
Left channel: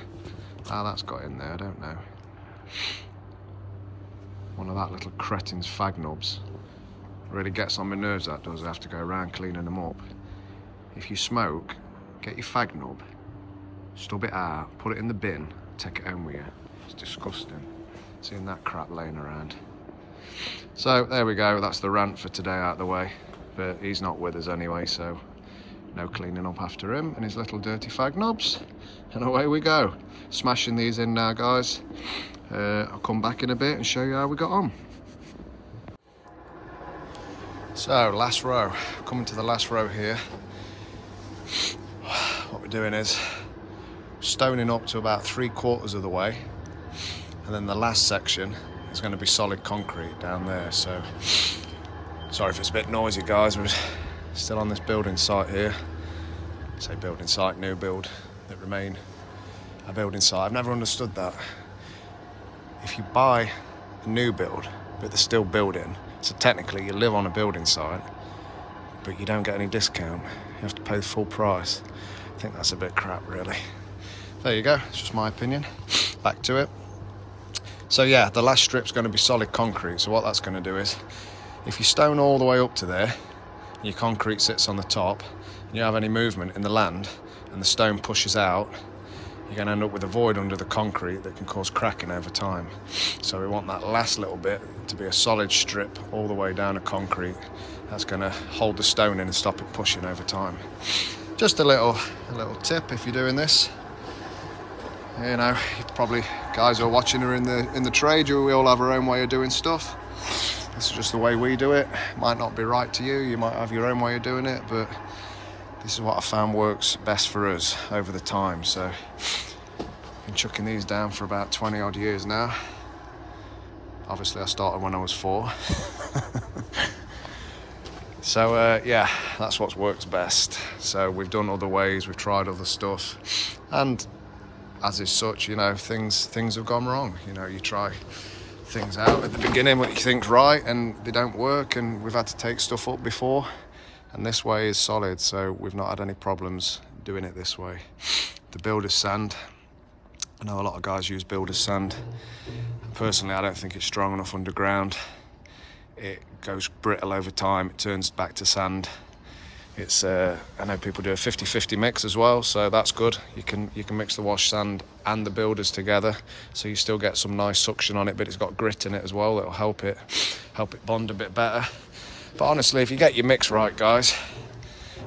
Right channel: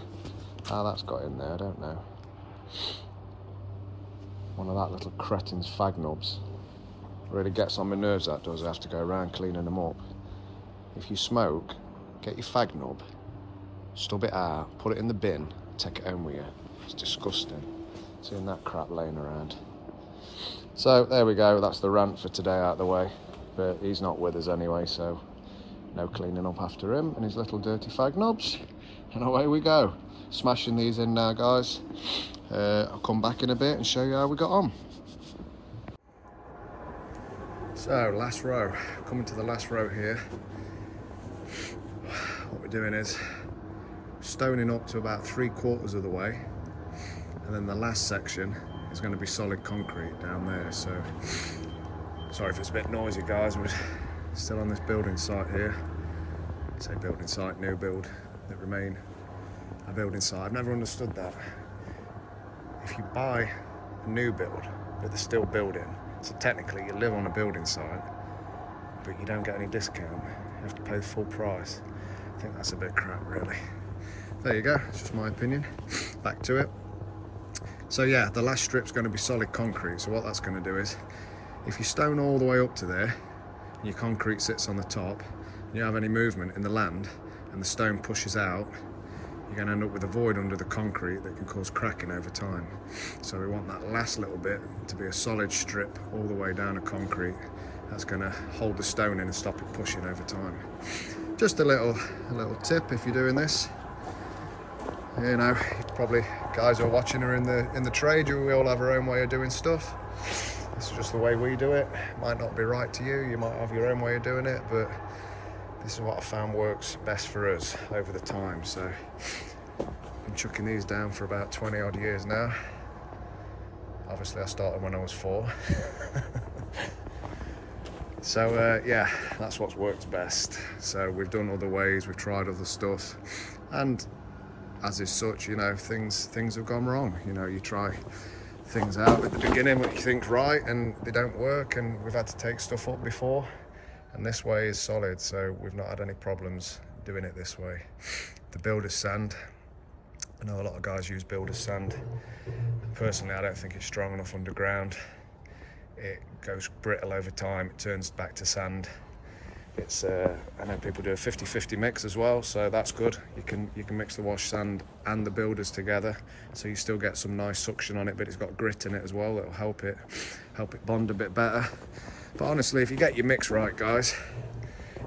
How that's got in there, I don't know. One of that little cretin's fag knobs. Really gets on my nerves, that does. I have to go around cleaning them up. If you smoke, get your fag knob, stub it out, put it in the bin, take it home with you. It's disgusting, seeing that crap laying around. So there we go, that's the rant for today out of the way. But he's not with us anyway, so no cleaning up after him and his little dirty fag knobs. And away we go. Smashing these in now, guys. I'll come back in a bit and show you how we got on. So, last row. Coming to the last row here. What we're doing is stoning up to about 3/4 of the way, and then the last section is going to be solid concrete down there. So sorry if it's a bit noisy, guys. We're still on this building site here. I say building site, new build that remain a building site. I've never understood that. If you buy a new build but they're still building, so technically you live on a building site but you don't get any discount. You have to pay the full price. I think that's a bit crap, really. There you go, it's just my opinion. Back to it. So yeah, the last strip's going to be solid concrete. So what that's going to do is, if you stone all the way up to there, your concrete sits on the top, and you have any movement in the land and the stone pushes out, you're going to end up with a void under the concrete that can cause cracking over time. So we want that last little bit to be a solid strip all the way down to concrete. That's going to hold the stone in and stop it pushing over time. Just a little tip if you're doing this. You know, probably guys who are watching are in the trade. We all have our own way of doing stuff. This is just the way we do it. Might not be right to you. You might have your own way of doing it, but this is what I found works best for us over the time. So I've been chucking these down for about 20 odd years now. Obviously I started when I was 4. So yeah, that's what works best. So we've done other ways, we've tried other stuff, and as is such, you know, things have gone wrong. You know, you try things out at the beginning what you think's right and they don't work, and we've had to take stuff up before, and this way is solid, so we've not had any problems doing it this way. The builder's sand, I know a lot of guys use builder's sand. Personally, I don't think it's strong enough underground. It goes brittle over time, it turns back to sand. It's I know people do a 50-50 mix as well, so that's good. You can mix the wash sand and the builders together, so you still get some nice suction on it, but it's got grit in it as well that'll help it bond a bit better. But honestly, if you get your mix right, guys,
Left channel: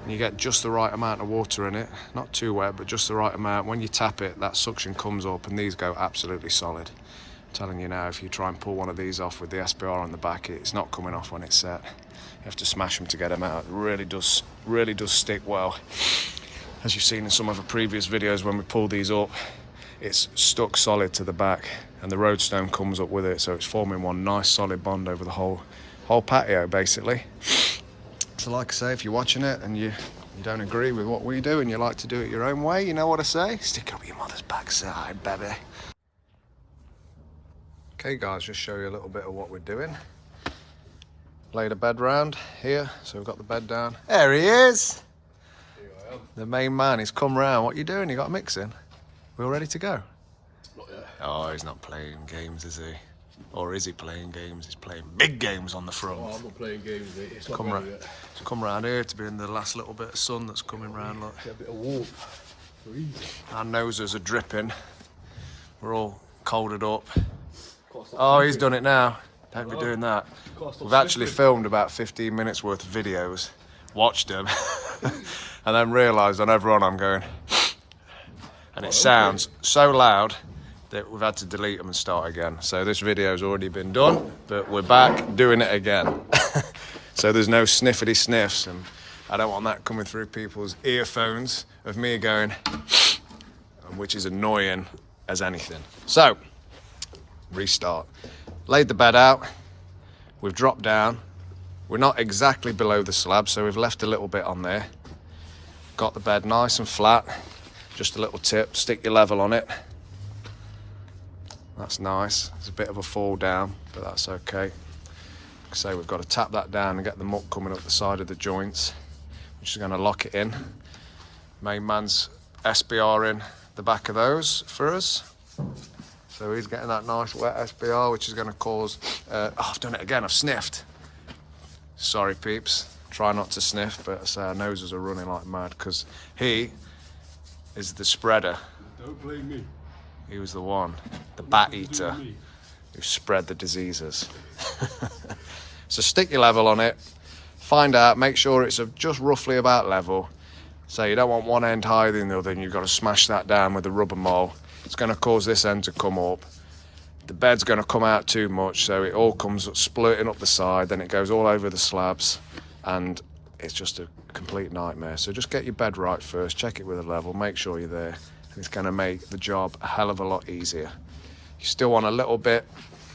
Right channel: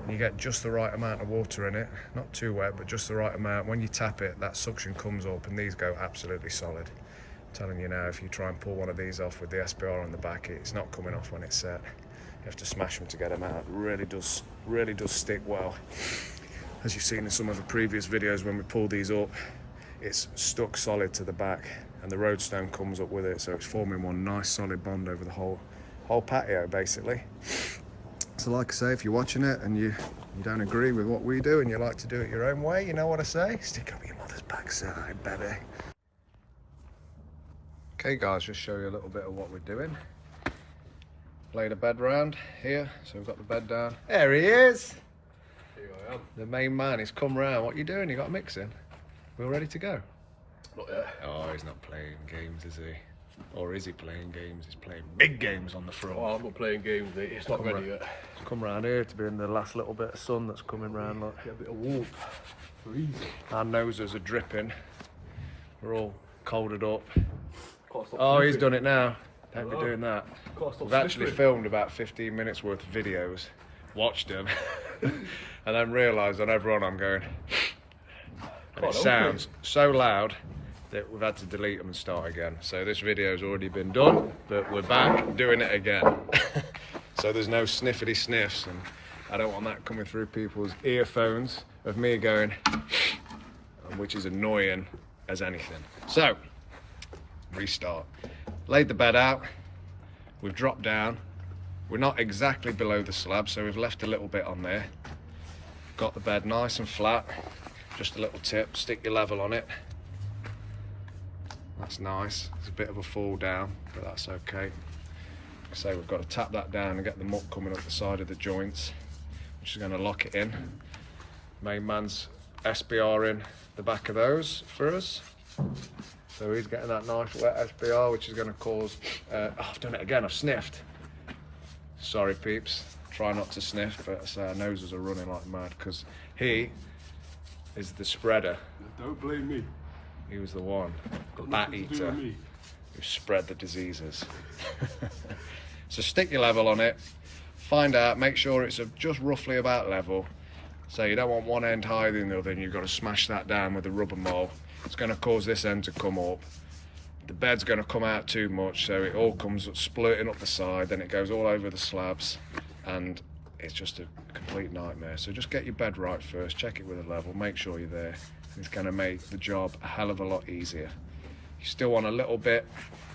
and you get just the right amount of water in it, not too wet, but just the right amount, when you tap it, that suction comes up and these go absolutely solid. I'm telling you now, if you try and pull one of these off with the SBR on the back, it's not coming off when it's set. You have to smash them to get them out. It really does stick well. As you've seen in some of the previous videos, when we pull these up, it's stuck solid to the back and the roadstone comes up with it, so it's forming one nice solid bond over the whole patio basically. So like I say, if you're watching it and you don't agree with what we do and you like to do it your own way, you know what I say? Stick up your mother's backside, baby. Okay guys, just show you a little bit of what we're doing. Laid a bed round here, so we've got the bed down. There he is! Here I am. The main man, he's come round. What are you doing? You got a mix in? We all ready to go? Not yet. Oh, he's not playing games, is he? Or is he playing games? He's playing big games on the front. Oh, I'm not playing games, mate. It's not ready yet. Come round here to be in the last little bit of sun that's coming round, look. Get a bit of warmth. Freezing. Our noses are dripping. We're all colded up. Can't stop Oh, he's sleeping. done it now. Don't be doing that. Can't stop We've actually sleeping. filmed about 15 minutes worth of videos, watched them, and then realised on everyone I'm going, and and it sounds so loud that we've had to delete them and start again. So this video's already been done, but we're back doing it again. So there's no sniffity sniffs, and I don't want that coming through people's earphones of me going, which is annoying as anything. So, restart. Laid the bed out, we've dropped down. We're not exactly below the slab, so we've left a little bit on there. Got the bed nice and flat. Just a little tip, stick your level on it. That's nice. It's a bit of a fall down, but that's okay. Like I say, we've got to tap that down and get the muck coming up the side of the joints, which is going to lock it in. Main man's SBR in the back of those for us. So he's getting that nice wet SBR, which is going to cause... I've done it again, I've sniffed. Sorry peeps, try not to sniff, but our noses are running like mad because he is the spreader. Don't blame me. He was the one, the bat eater, who spread the diseases. So stick your level on it, find out, make sure it's just roughly about level. So you don't want one end higher than the other, and you've got to smash that down with a rubber mole. It's going to cause this end to come up. The bed's going to come out too much, so it all comes splurting up the side, then it goes all over the slabs, and it's just a complete nightmare. So just get your bed right first, check it with a level, make sure you're there. It's going to make the job a hell of a lot easier. You still want a little bit,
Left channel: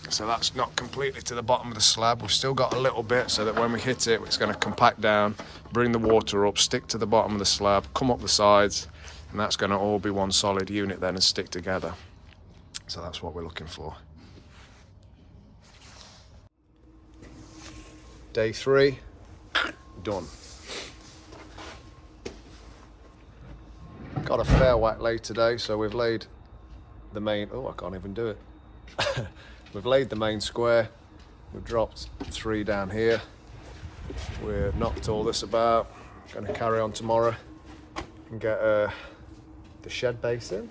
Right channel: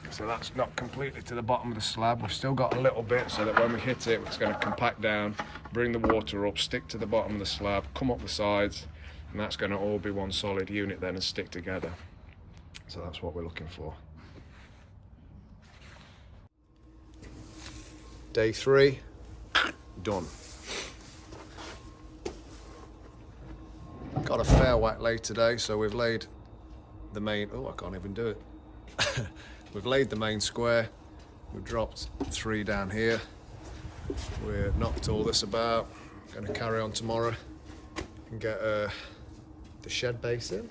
so that's not completely to the bottom of the slab. We've still got a little bit so that when we hit it, it's going to compact down, bring the water up, stick to the bottom of the slab, come up the sides, and that's going to all be one solid unit then and stick together. So that's what we're looking for. Day 3, done. Got a fair whack lay today, so we've laid the main, I can't even do it. We've laid the main square, we've dropped 3 down here. We're knocked all this about, gonna carry on tomorrow and get the shed base in.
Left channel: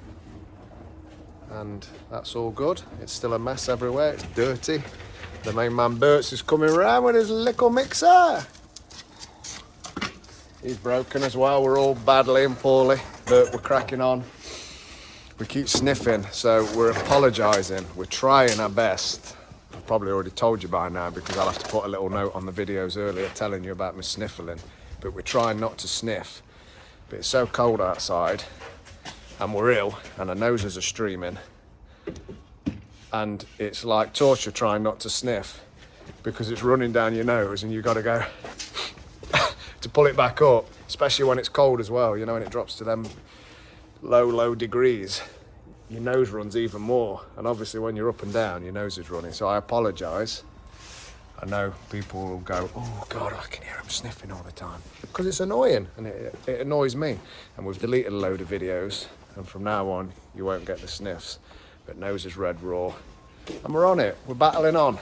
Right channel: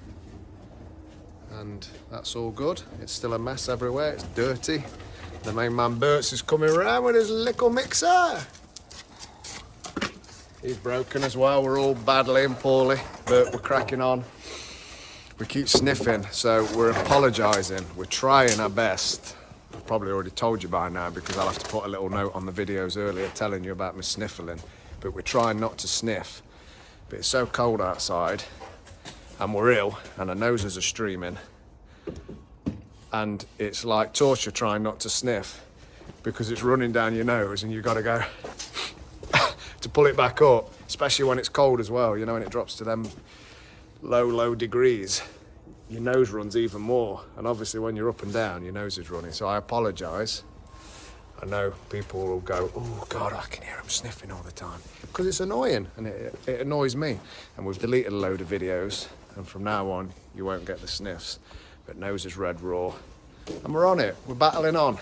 And that's all good. It's still a mess everywhere, it's dirty. The main man Bert's is coming around with his little mixer. He's broken as well, we're all badly and poorly, but we're cracking on. We keep sniffing, so we're apologising. We're trying our best. I've probably already told you by now because I'll have to put a little note on the videos earlier telling you about me sniffling, but we're trying not to sniff. But it's so cold outside, and we're ill, and our noses are streaming, and it's like torture trying not to sniff because it's running down your nose and you've got to go to pull it back up, especially when it's cold as well, you know, when it drops to them low degrees, your nose runs even more, and obviously when you're up and down your nose is running. So I apologise. I know people will go, oh God, I can hear him sniffing all the time, because it's annoying, and it annoys me. And we've deleted a load of videos, and from now on you won't get the sniffs. But nose is red raw, and we're on it, we're battling on.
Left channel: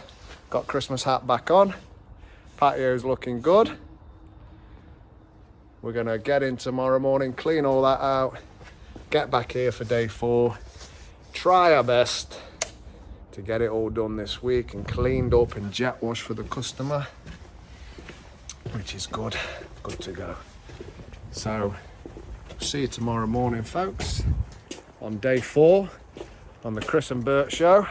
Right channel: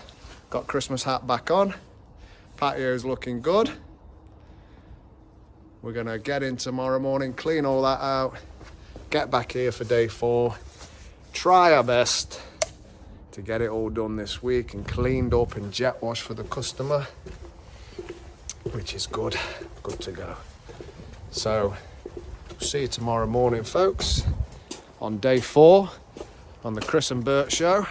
Got Christmas hat back on, patio's looking good. We're gonna get in tomorrow morning, clean all that out, get back here for day 4, try our best to get it all done this week and cleaned up and jet washed for the customer, which is good to go. So see you tomorrow morning, folks, on day 4 on the Chris and Bert show,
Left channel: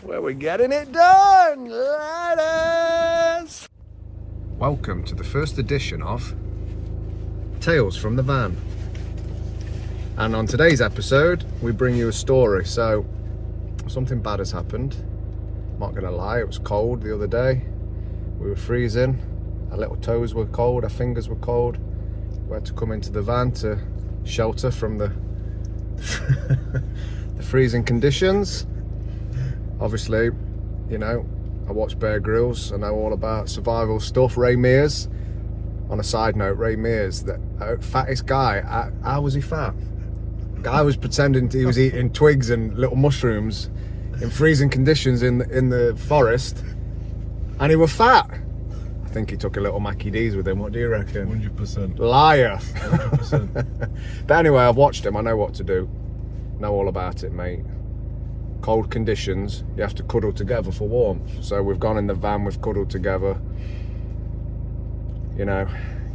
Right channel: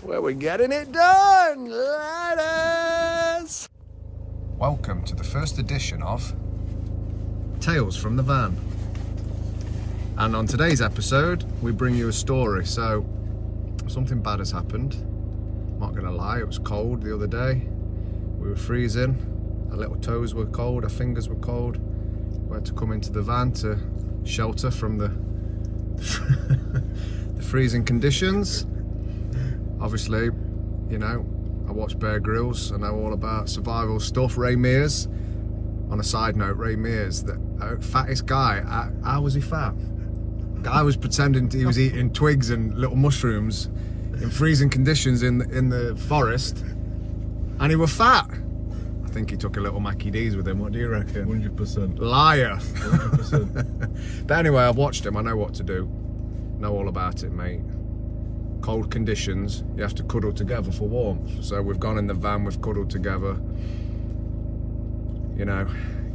where we're getting it done. Ladies! Welcome to the first edition of Tales from the Van. And on today's episode, we bring you a story. So, something bad has happened. I'm not gonna lie, it was cold the other day. We were freezing, our little toes were cold, our fingers were cold. We had to come into the van to shelter from the freezing conditions. Obviously, you know, I watch Bear Grylls, I know all about survival stuff. Ray Mears, on a side note, Ray Mears, the fattest guy, how was he fat? Guy was pretending he was eating twigs and little mushrooms in freezing conditions in the forest, and he was fat. I think he took a little Mackie D's with him, what do you reckon? 100%. Liar. 100%. But anyway, I've watched him, I know what to do. Know all about it, mate. Cold conditions, you have to cuddle together for warmth. So we've gone in the van, we've cuddled together. You know,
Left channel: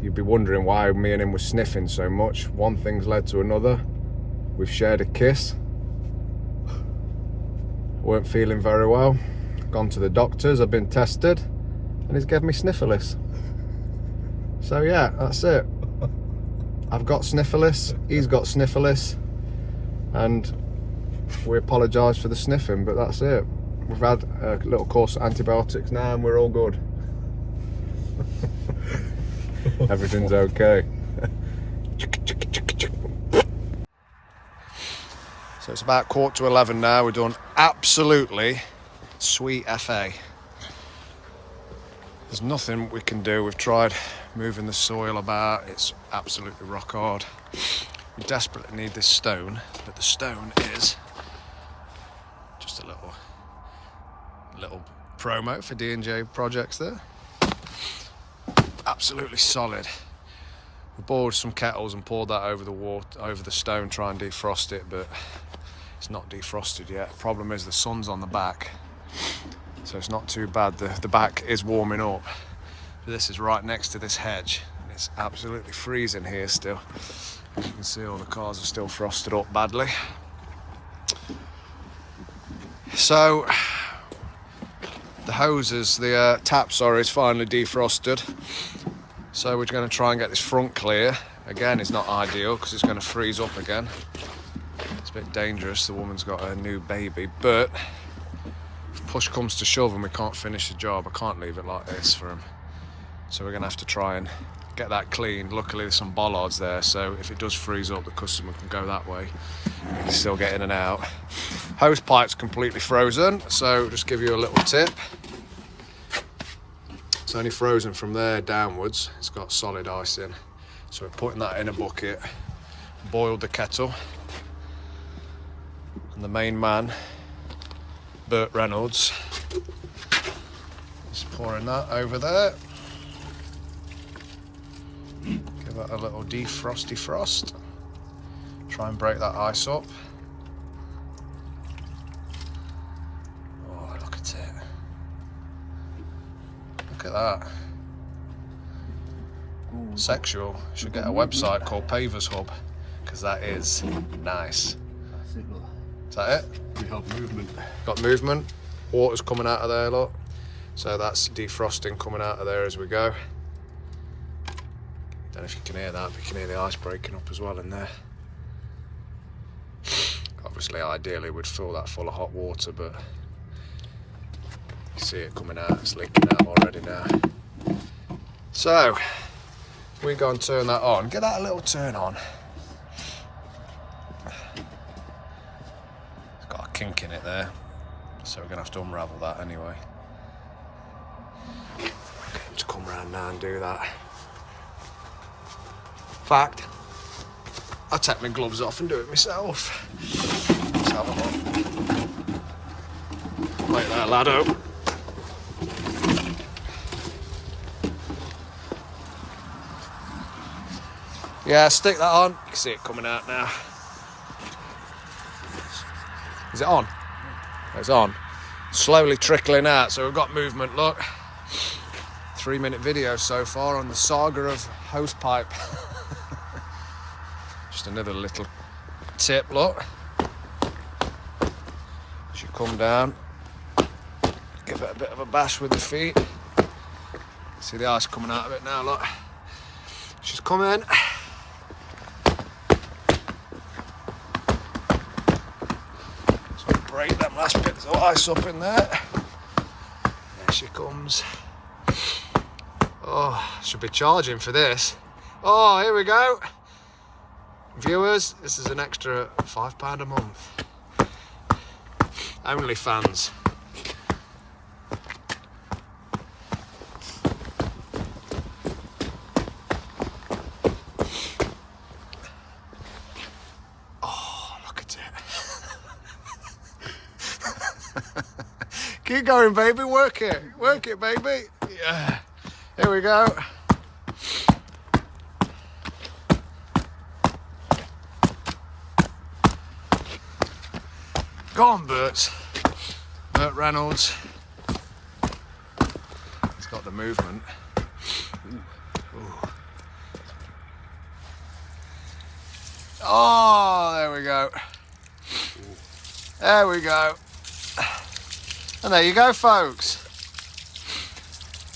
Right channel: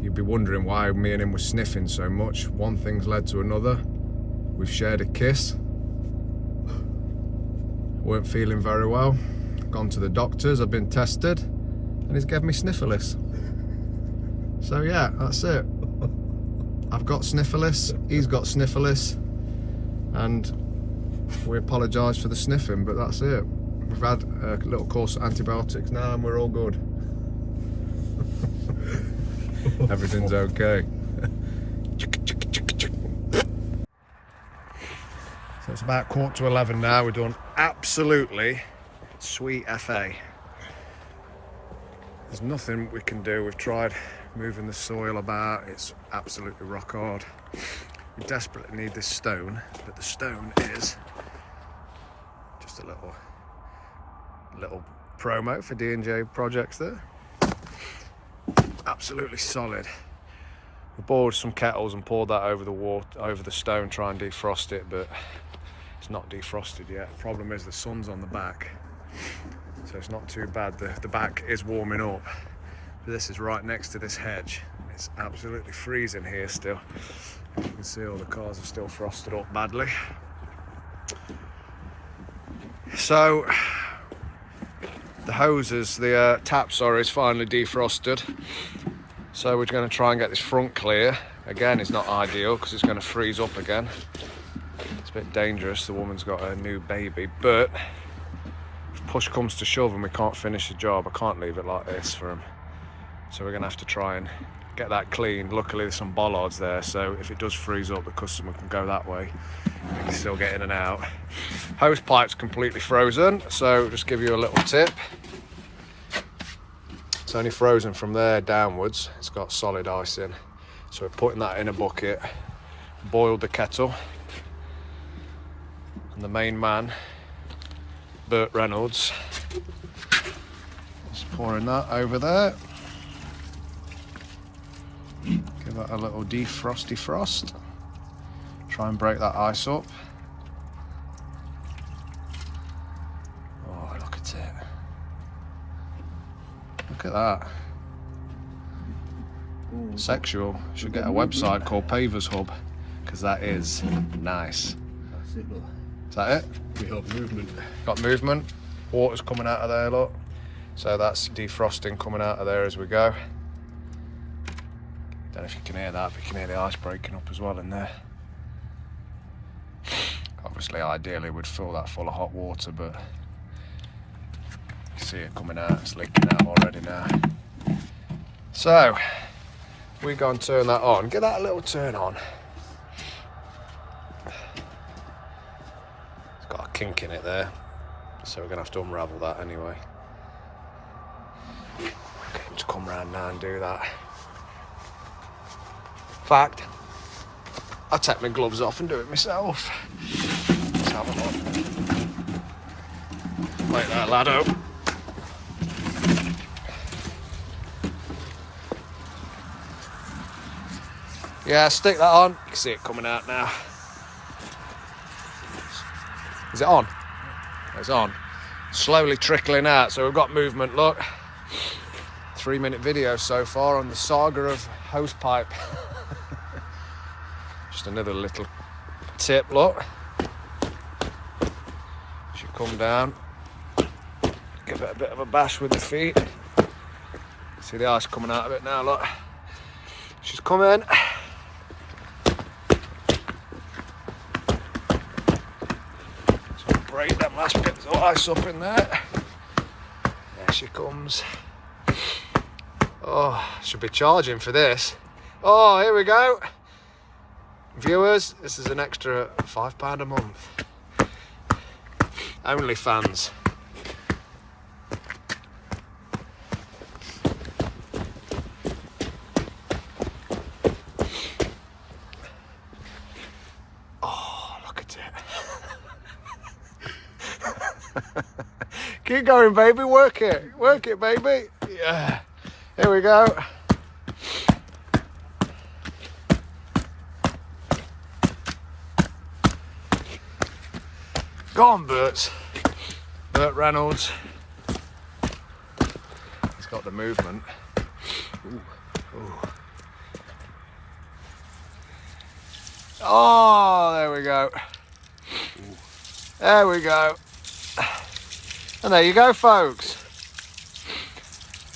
you'd be wondering why me and him were sniffing so much. One thing's led to another. we've shared a kiss. Weren't feeling very well. Gone to the doctors, I've been tested, and he's given me sniffles. So yeah, that's it. I've got sniffles, he's got sniffles, and we apologise for the sniffing, but that's it. We've had a little course of antibiotics now and we're all good. Everything's okay. So it's about 11:15 now. We're done absolutely sweet FA. There's nothing we can do. We've tried moving the soil about. It's absolutely rock hard. We desperately need this stone, but the stone is just a little promo for D&J projects there. Absolutely solid. We boiled some kettles and poured that over the stone, try and defrost it, but it's not defrosted yet. The problem is the sun's on the back, so it's not too bad. The back is warming up. But this is right next to this hedge, and it's absolutely freezing here still. As you can see, all the cars are still frosted up badly. So the hoses, the tap, sorry, is finally defrosted. So we're going to try and get this front clear. Again, it's not ideal because it's going to freeze up again. It's a bit dangerous. The woman's got a new baby, but if push comes to shove and we can't finish the job, I can't leave it like this for him. So we're going to have to try and get that cleaned. Luckily there's some bollards there, so if it does freeze up, the customer can go that way. You can still get in and out. Hose pipe's completely frozen, so just give you a little tip. It's only frozen from there downwards. It's got solid ice in. So we're putting that in a bucket, boiled the kettle, and the main man, Burt Reynolds, is pouring that over there. Give that a little defrosty frost. Try and break that ice up. Oh, look at it. Look at that. Sexual. Should get a website called Pavers Hub, because that is nice. Is that it? We have movement. Got movement. Water's coming out of there, look. So that's defrosting coming out of there as we go. Don't know if you can hear that, but you can hear the ice breaking up as well in there. Obviously, ideally, we'd fill that full of hot water, but you see it coming out. It's leaking out already now. So we go and turn that on. Get that a little turn on. It's got a kink in it there, so we're gonna have to unravel that anyway. Get him to come round now and do that. In fact, I'll take my gloves off and do it myself. Let's have a look. Like that, laddo. Yeah, stick that on. You can see it coming out now. Is it on? It's on. Slowly trickling out, so we've got movement, look. 3-minute video so far on the saga of hose pipe. Just another little tip, look. Should come down. Give it a bit of a bash with the feet. See the ice coming out of it now, look. She's coming. So break them last bits of ice up in there. There she comes. Oh, should be charging for this. Oh, here we go. Viewers, this is an extra £5 a month. Only fans. Oh, look at it. Keep going, baby. Work it. Work it, baby. Yeah. Here we go. Go on, Burt Reynolds. He's got the movement. Ooh. Ooh. Oh, there we we go. There we go. And there you go, folks.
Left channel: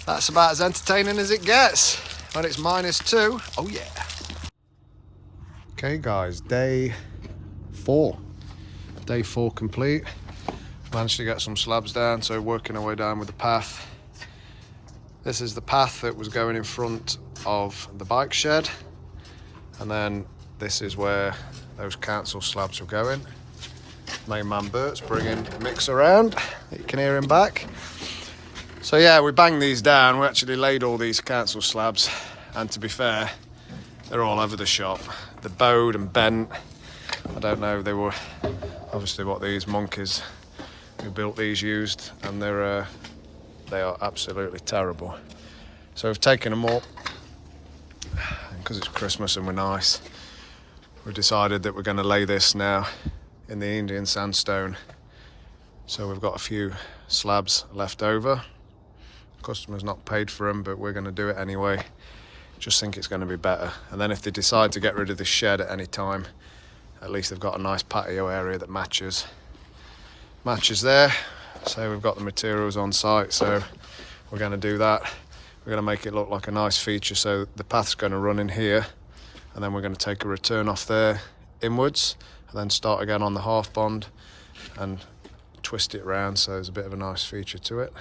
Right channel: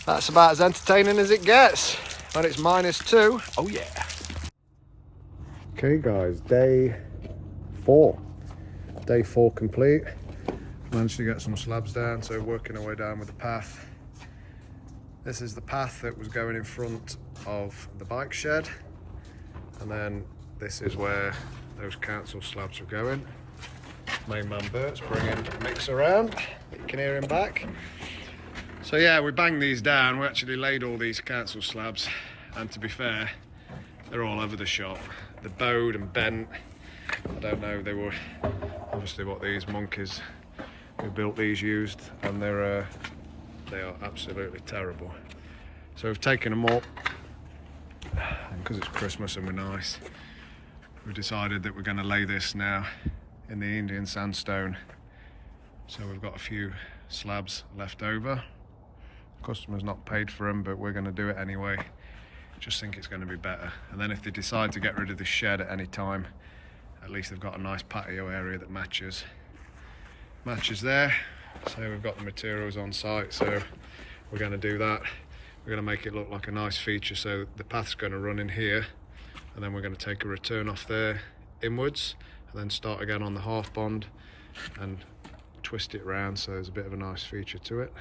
That's about as entertaining as it gets when it's -2. Oh yeah. Okay guys, day 4. Day 4 complete. Managed to get some slabs down, so working our way down with the path. This is the path that was going in front of the bike shed. And then this is where those council slabs were going. Main man Bert's bringing Mix around. You can hear him back. So yeah, we banged these down. We actually laid all these council slabs, and to be fair, they're all over the shop. They're bowed and bent. I don't know, they were obviously what these monkeys who built these used, and they are absolutely terrible. So we've taken them up, and because it's Christmas and we're nice, we've decided that we're going to lay this now in the Indian sandstone. So we've got a few slabs left over. Customer's not paid for them, but we're going to do it anyway. Just think it's going to be better. And then if they decide to get rid of this shed at any time, at least they've got a nice patio area that matches there. So we've got the materials on site, so we're going to do that. We're going to make it look like a nice feature. So the path's going to run in here, and then we're going to take a return off there inwards, and then start again on the half bond and twist it round, so there's a bit of a nice feature to it,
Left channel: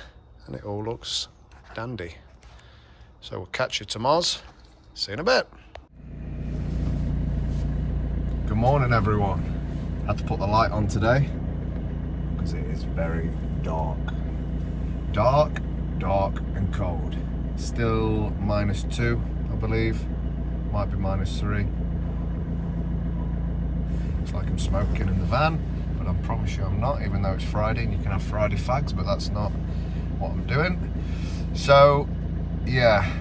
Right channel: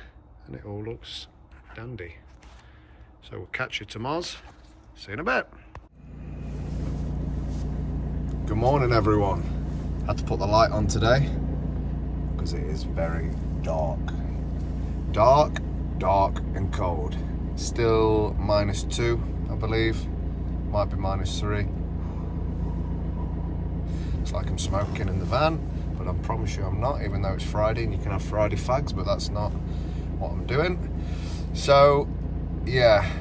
and it all looks dandy. So we'll catch you tomorrow. See you in a bit. Good morning, everyone. Had to put the light on today because it is very dark. Dark and cold. Still -2, I believe. Might be -3. Looks like I'm smoking in the van, but I promise you I'm not, even though it's Friday and you can have Friday fags, but that's not what I'm doing. So yeah,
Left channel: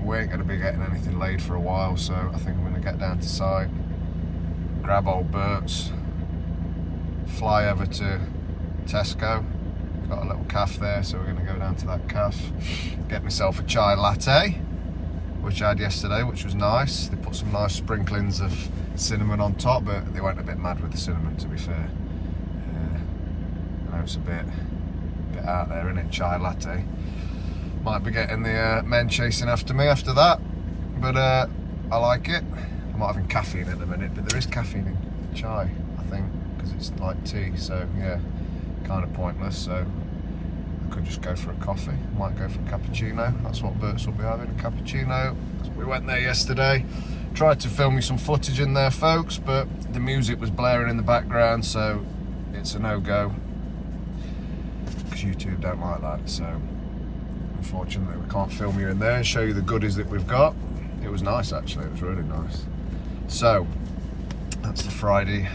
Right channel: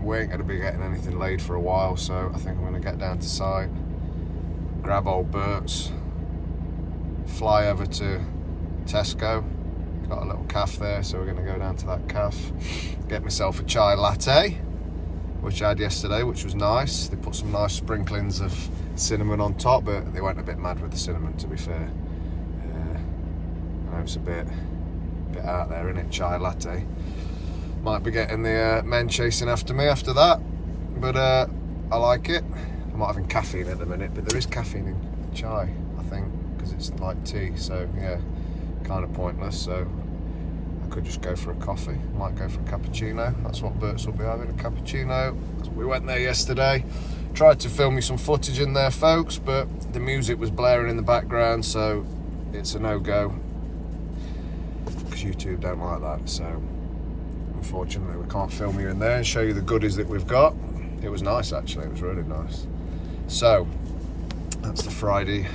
we ain't gonna be getting anything laid for a while, so I think I'm gonna get down to site, grab old Bert's, fly over to Tesco. Got a little cafe there, so we're gonna go down to that cafe, get myself a chai latte, which I had yesterday, which was nice. They put some nice sprinklings of cinnamon on top, but they went a bit mad with the cinnamon, to be fair. I know it's a bit out there, isn't it, chai latte. Might be getting the men chasing after me after that, but I like it. I'm not having caffeine at the minute, but there is caffeine in chai, I think, because it's like tea, so yeah, kind of pointless. So I could just go for a coffee. Might go for a cappuccino. That's what Bert's will be having, a cappuccino. We went there yesterday, tried to film you some footage in there, folks, but the music was blaring in the background, so it's a no-go, because YouTube don't like that. So unfortunately we can't film you in there and show you the goodies that we've got. It was nice, actually, it was really nice. So that's the Friday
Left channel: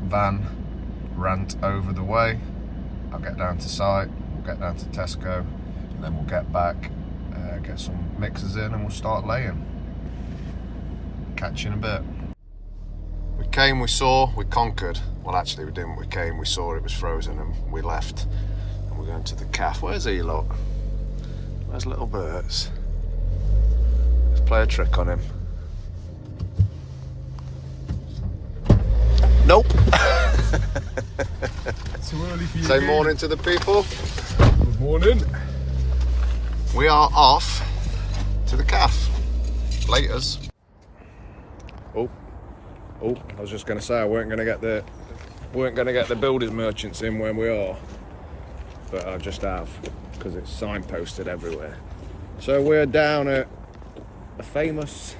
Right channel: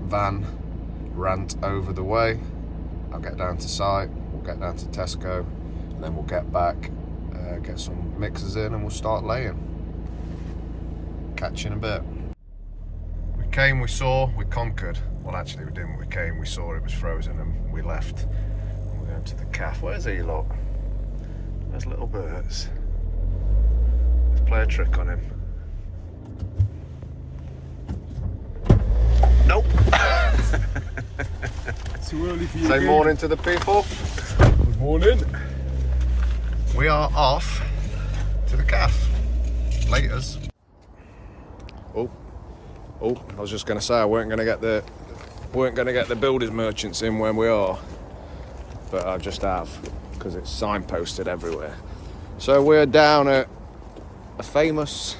van rant over the way. I'll get down to site, we'll get down to Tesco, and then we'll get back, get some mixers in, and we'll start laying. Catch you in a bit. We came, we saw, we conquered. Well, actually we didn't. We came, we saw it was frozen, and we left. And we're going to the cafe. Where's he, look? Where's little Bert's? Let's play a trick on him. Nope. Too early for you. Say morning to the people. Good morning. We are off to the cafe. Laters. Oh, I was just going to say I weren't going to get the builders merchants in when we are, but I just have, because it's signposted everywhere. So we're down at a famous,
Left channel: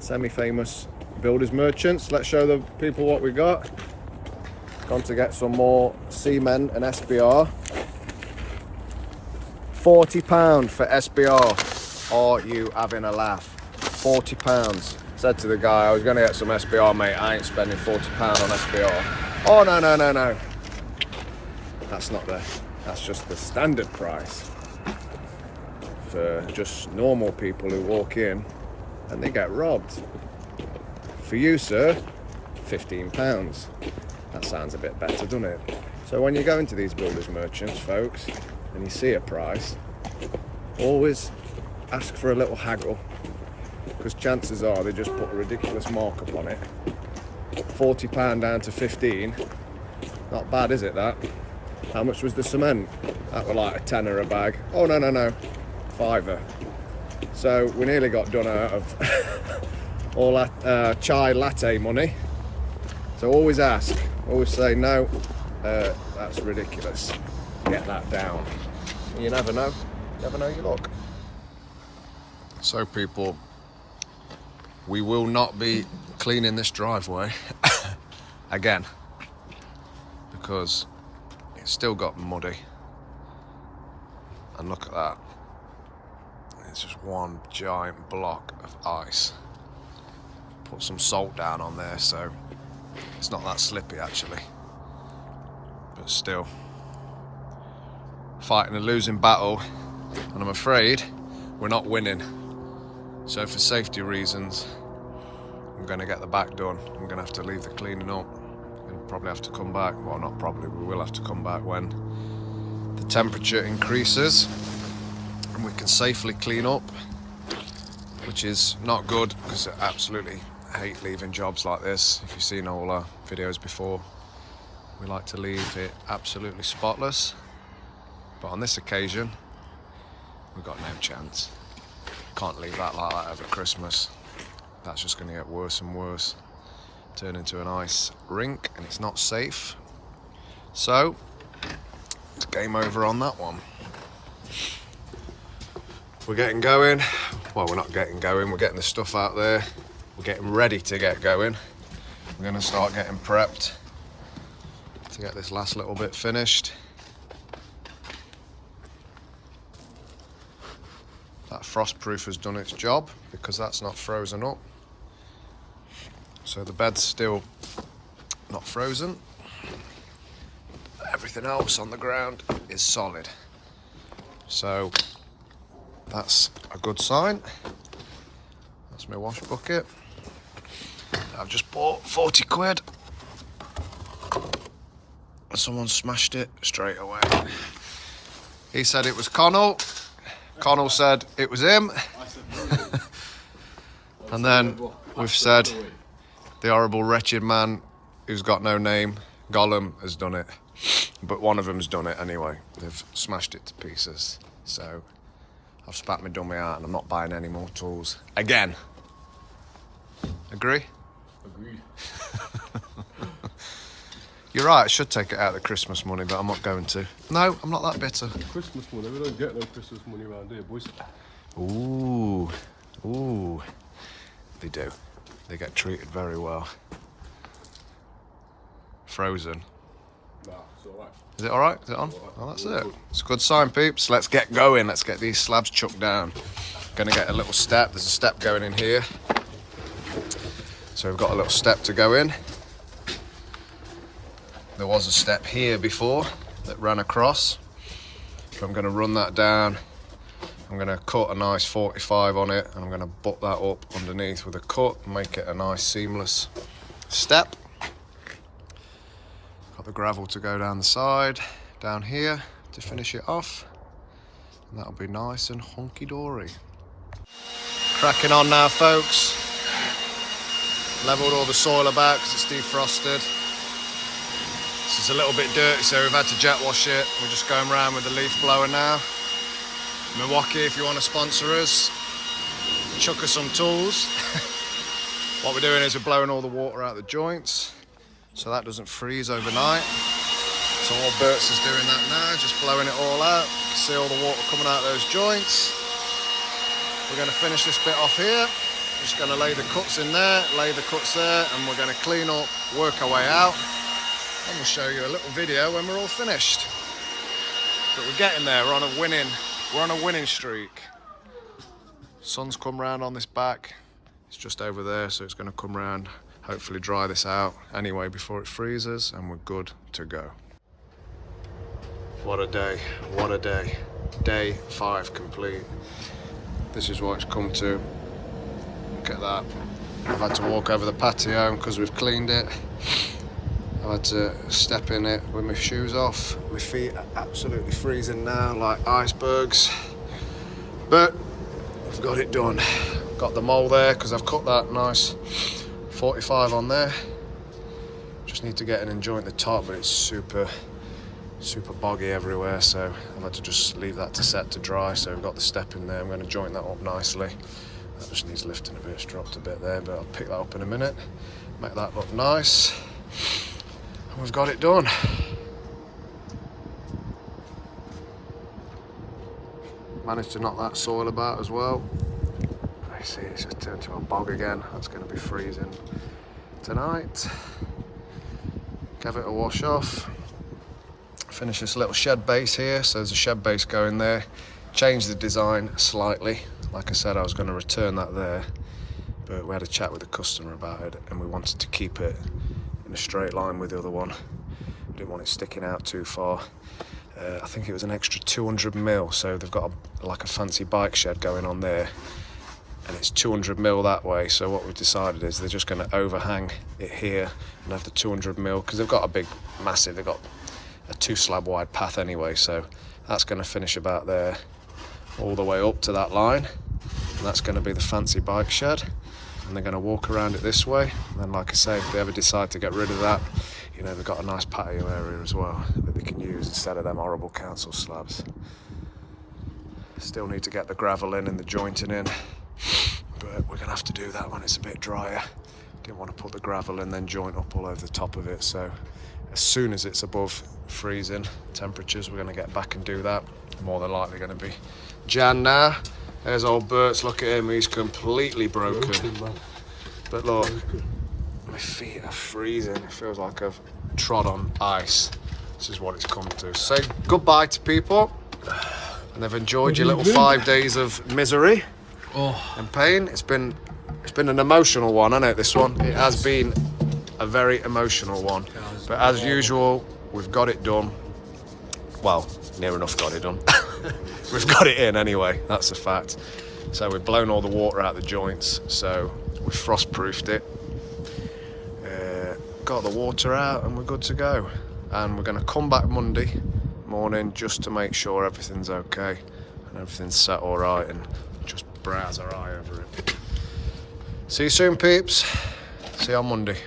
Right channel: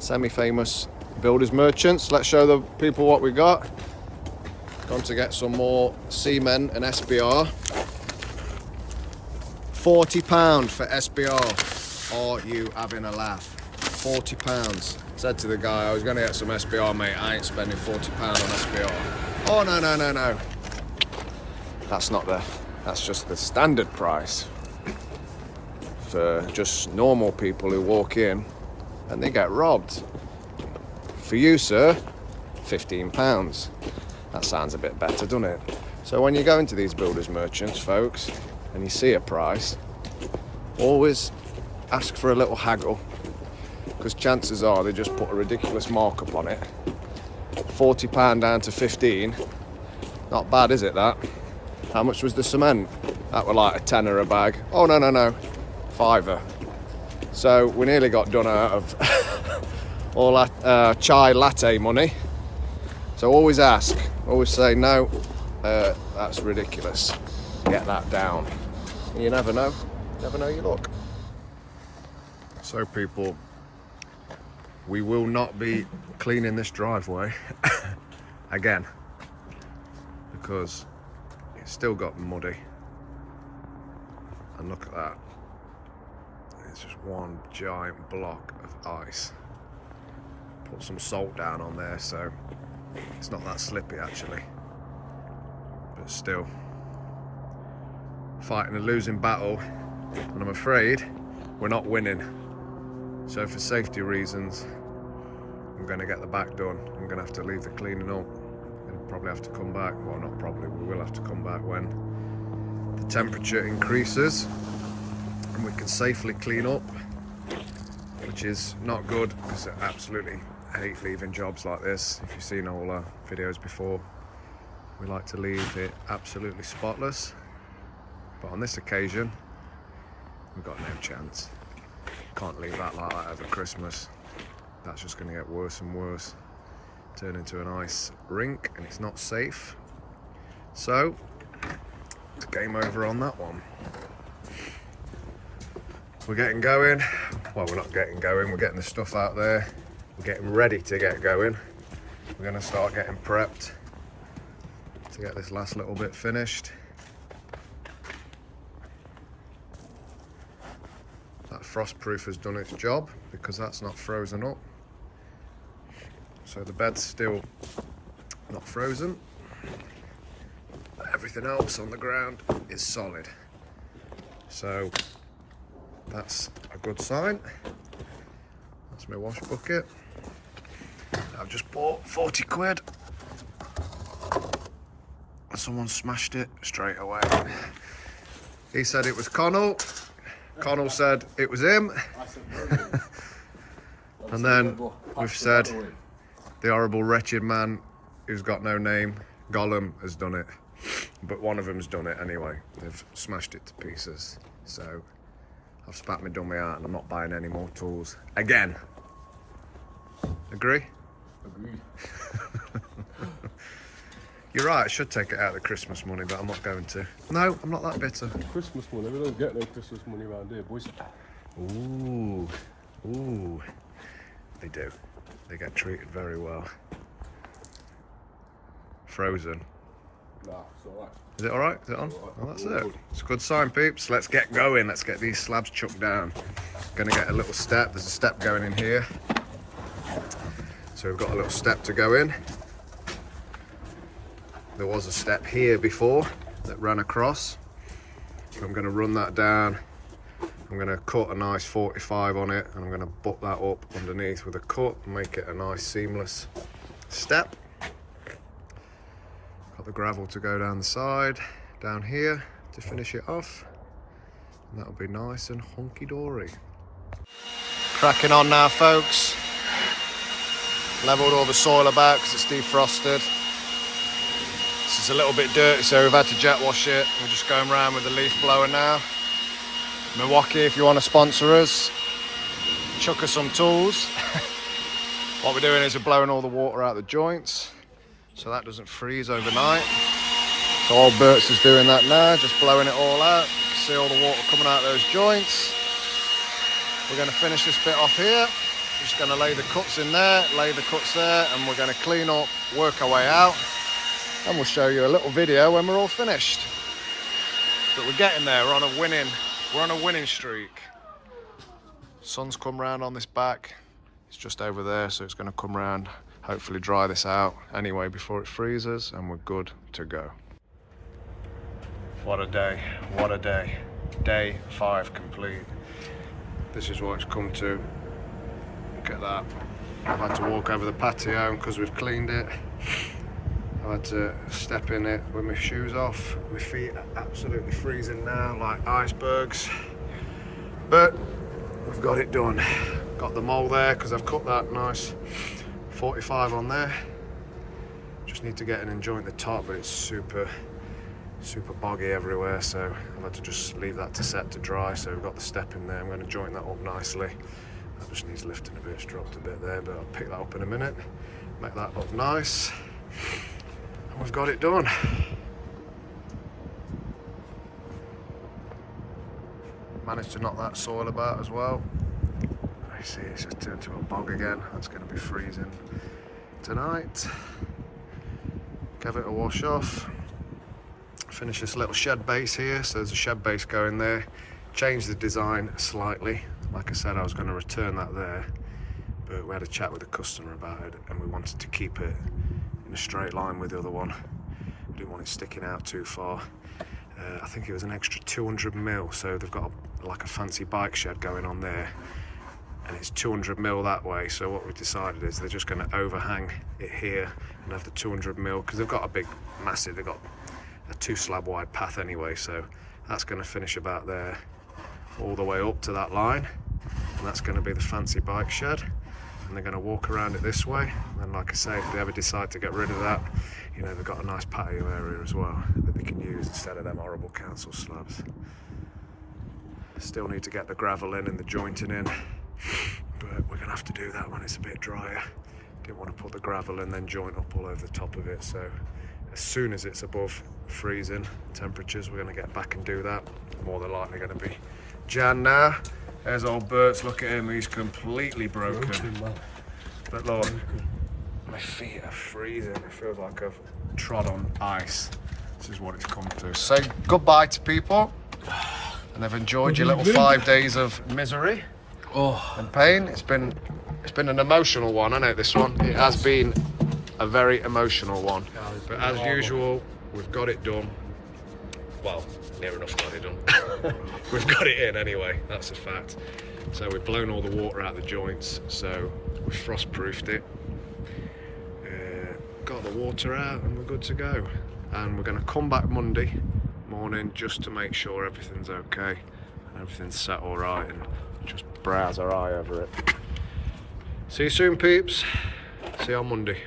semi-famous builders merchants. Let's show the people what we got. Gone to get some more cement and SBR. £40 for SBR. Are you having a laugh? £40. Said to the guy, I was going to get some SBR, mate. I ain't spending £40 on SBR. Oh, no. That's just the standard price for just normal people who walk in and they get robbed. For you, sir, £15. That sounds a bit better, doesn't it? So when you go into these builders merchants, folks, and you see a price, always ask for a little haggle, because chances are they just put a ridiculous markup on it £40 down to 15. Not bad, is it, that? How much was the cement? That were like a tenner a bag. Oh, no. £5. So we nearly got done out of all that chai latte money. So always ask, always say, no, that's ridiculous. Get that down. You never know your luck. So people, we will not be cleaning this driveway again, because it's still got muddy. And look at that. It's just one giant block of ice. Put some salt down on there so it's not that slippy actually. But still, fighting a losing battle, and I'm afraid we're not winning. So for safety reasons, we're going to get the back done. We're going to have to leave the cleaning up and probably have to come back. Well, not probably, we will have to come back when the temperature increases and we can safely clean up, which is not good because I absolutely hate leaving jobs like this. If you've seen all our videos before, we like to leave it absolutely spotless. But on this occasion, we've got no chance. Can't leave that like that over Christmas. That's just going to get worse and worse. Turn into an ice rink and it's not safe. So, it's game over on that one. We're getting going. Well, we're not getting going, we're getting the stuff out there. We're getting ready to get going. We're going to start getting prepped to get this last little bit finished. That frostproof has done its job because that's not frozen up. So the bed's still not frozen. Everything else on the ground is solid. So that's a good sign. That's my wash bucket. I've just bought 40 quid. Someone smashed it straight away. He said it was Connell. Connell said it was him. I said no. And then we've said the horrible wretched man who's got no name, Gollum, has done it. But one of them's done it anyway. They've smashed it to pieces. So I've spat my dummy out and I'm not buying any more tools again. Agree? Agreed. You're right, I should take it out of the Christmas money, but I'm not going to. No, I'm not that bitter. Christmas money, we don't get no Christmas money around here, boys. Ooh. They do. They get treated very well. Frozen. Nah, it's alright. Is it alright? Is it on? Oh, that's it. It's a good sign, peeps. Let's get going. Let's get these slabs chucked down. Gonna get a little step. There's a step going in here. So we've got a little step to go in. There was a step here before that ran across. So I'm gonna run that down. I'm gonna cut a nice 45 on it and I'm gonna butt that up underneath with a cut and make it a nice seamless step. Got the gravel to go down the side, down here to finish it off. And that'll be nice and hunky-dory. Cracking on now, folks. Levelled all the soil about because it's defrosted. It's a little bit dirty, so we've had to jet wash it. We're just going around with the leaf blower now. Milwaukee, if you want to sponsor us, chuck us some tools. What we're doing is we're blowing all the water out the joints so that doesn't freeze overnight. So old Bert's is doing that now, just blowing it all out. You can see all the water coming out of those joints. We're going to finish this bit off here. Just going to lay the cuts in there, lay the cuts there, and we're going to clean up, work our way out. And we'll show you a little video when we're all finished. But we're getting there, we're on a winning streak. Sun's come round on this back. It's just over there, so it's gonna come round, hopefully dry this out anyway before it freezes, and we're good to go. What a day, what a day. Day 5 complete. This is what it's come to. Look at that. I've had to walk over the patio because we've cleaned it. I had to step in it with my shoes off. My feet are absolutely freezing now, like icebergs. But we've got it done. Got the mole there because I've cut that nice 45 on there. Just need to get in and joint the top, but it's super boggy everywhere, so I've had to just leave that to set to dry. So we've got the step in there. I'm going to joint that up nicely. That just needs lifting a bit. It's dropped a bit there, but I'll pick that up in a minute, make that look nice, and we've got it done. Managed to knock that soil about as well. You see it's just turned to a bog again. That's going to be freezing tonight. Give it a wash off. Finish this little shed base here. So there's a shed base going there. Change the design slightly. Like I said, I was going to return that there, but we had a chat with the customer about it and we wanted to keep it in a straight line with the other one. Didn't want it sticking out too far. I think it was an extra 200 mil, so they've got like a fancy bike shed going on there, and it's 200 mil that way. So what we've decided is they're just going to overhang it here and have the 200 mil, because they've got a big, massive, they've got a 2 slab wide path anyway, so that's going to finish about there, all the way up to that line, and that's going to be the fancy bike shed, and they're going to walk around it this way. And then, like I say, if they ever decide to get rid of that, you know, they've got a nice patio area as well that they can use instead of them horrible council slabs. Still need to get the gravel in and the jointing in, but we're gonna have to do that when it's a bit drier. Didn't want to put the gravel in then joint up all over the top of it, so as soon as it's above freezing temperatures, we're gonna get back and do that. More than likely gonna be Jan now. There's old Bert's, look at him, he's completely broken. But look, my feet are freezing. It feels like I've trod on ice. This is what it's come to. Say goodbye to people, and they've enjoyed your little 5 days of misery and pain. It's been an emotional one, hasn't it, this one? It has been a very emotional one. But as usual, we've got it done. Well, near enough got it done. We've got it in anyway, that's a fact. So we've blown all the water out of the joints, so we've frost-proofed it. Got the water out and we're good to go. And we're going to come back Monday morning just to make sure everything's okay and everything's set all right, and just browse our eye over it. See you soon, peeps. See you on Monday.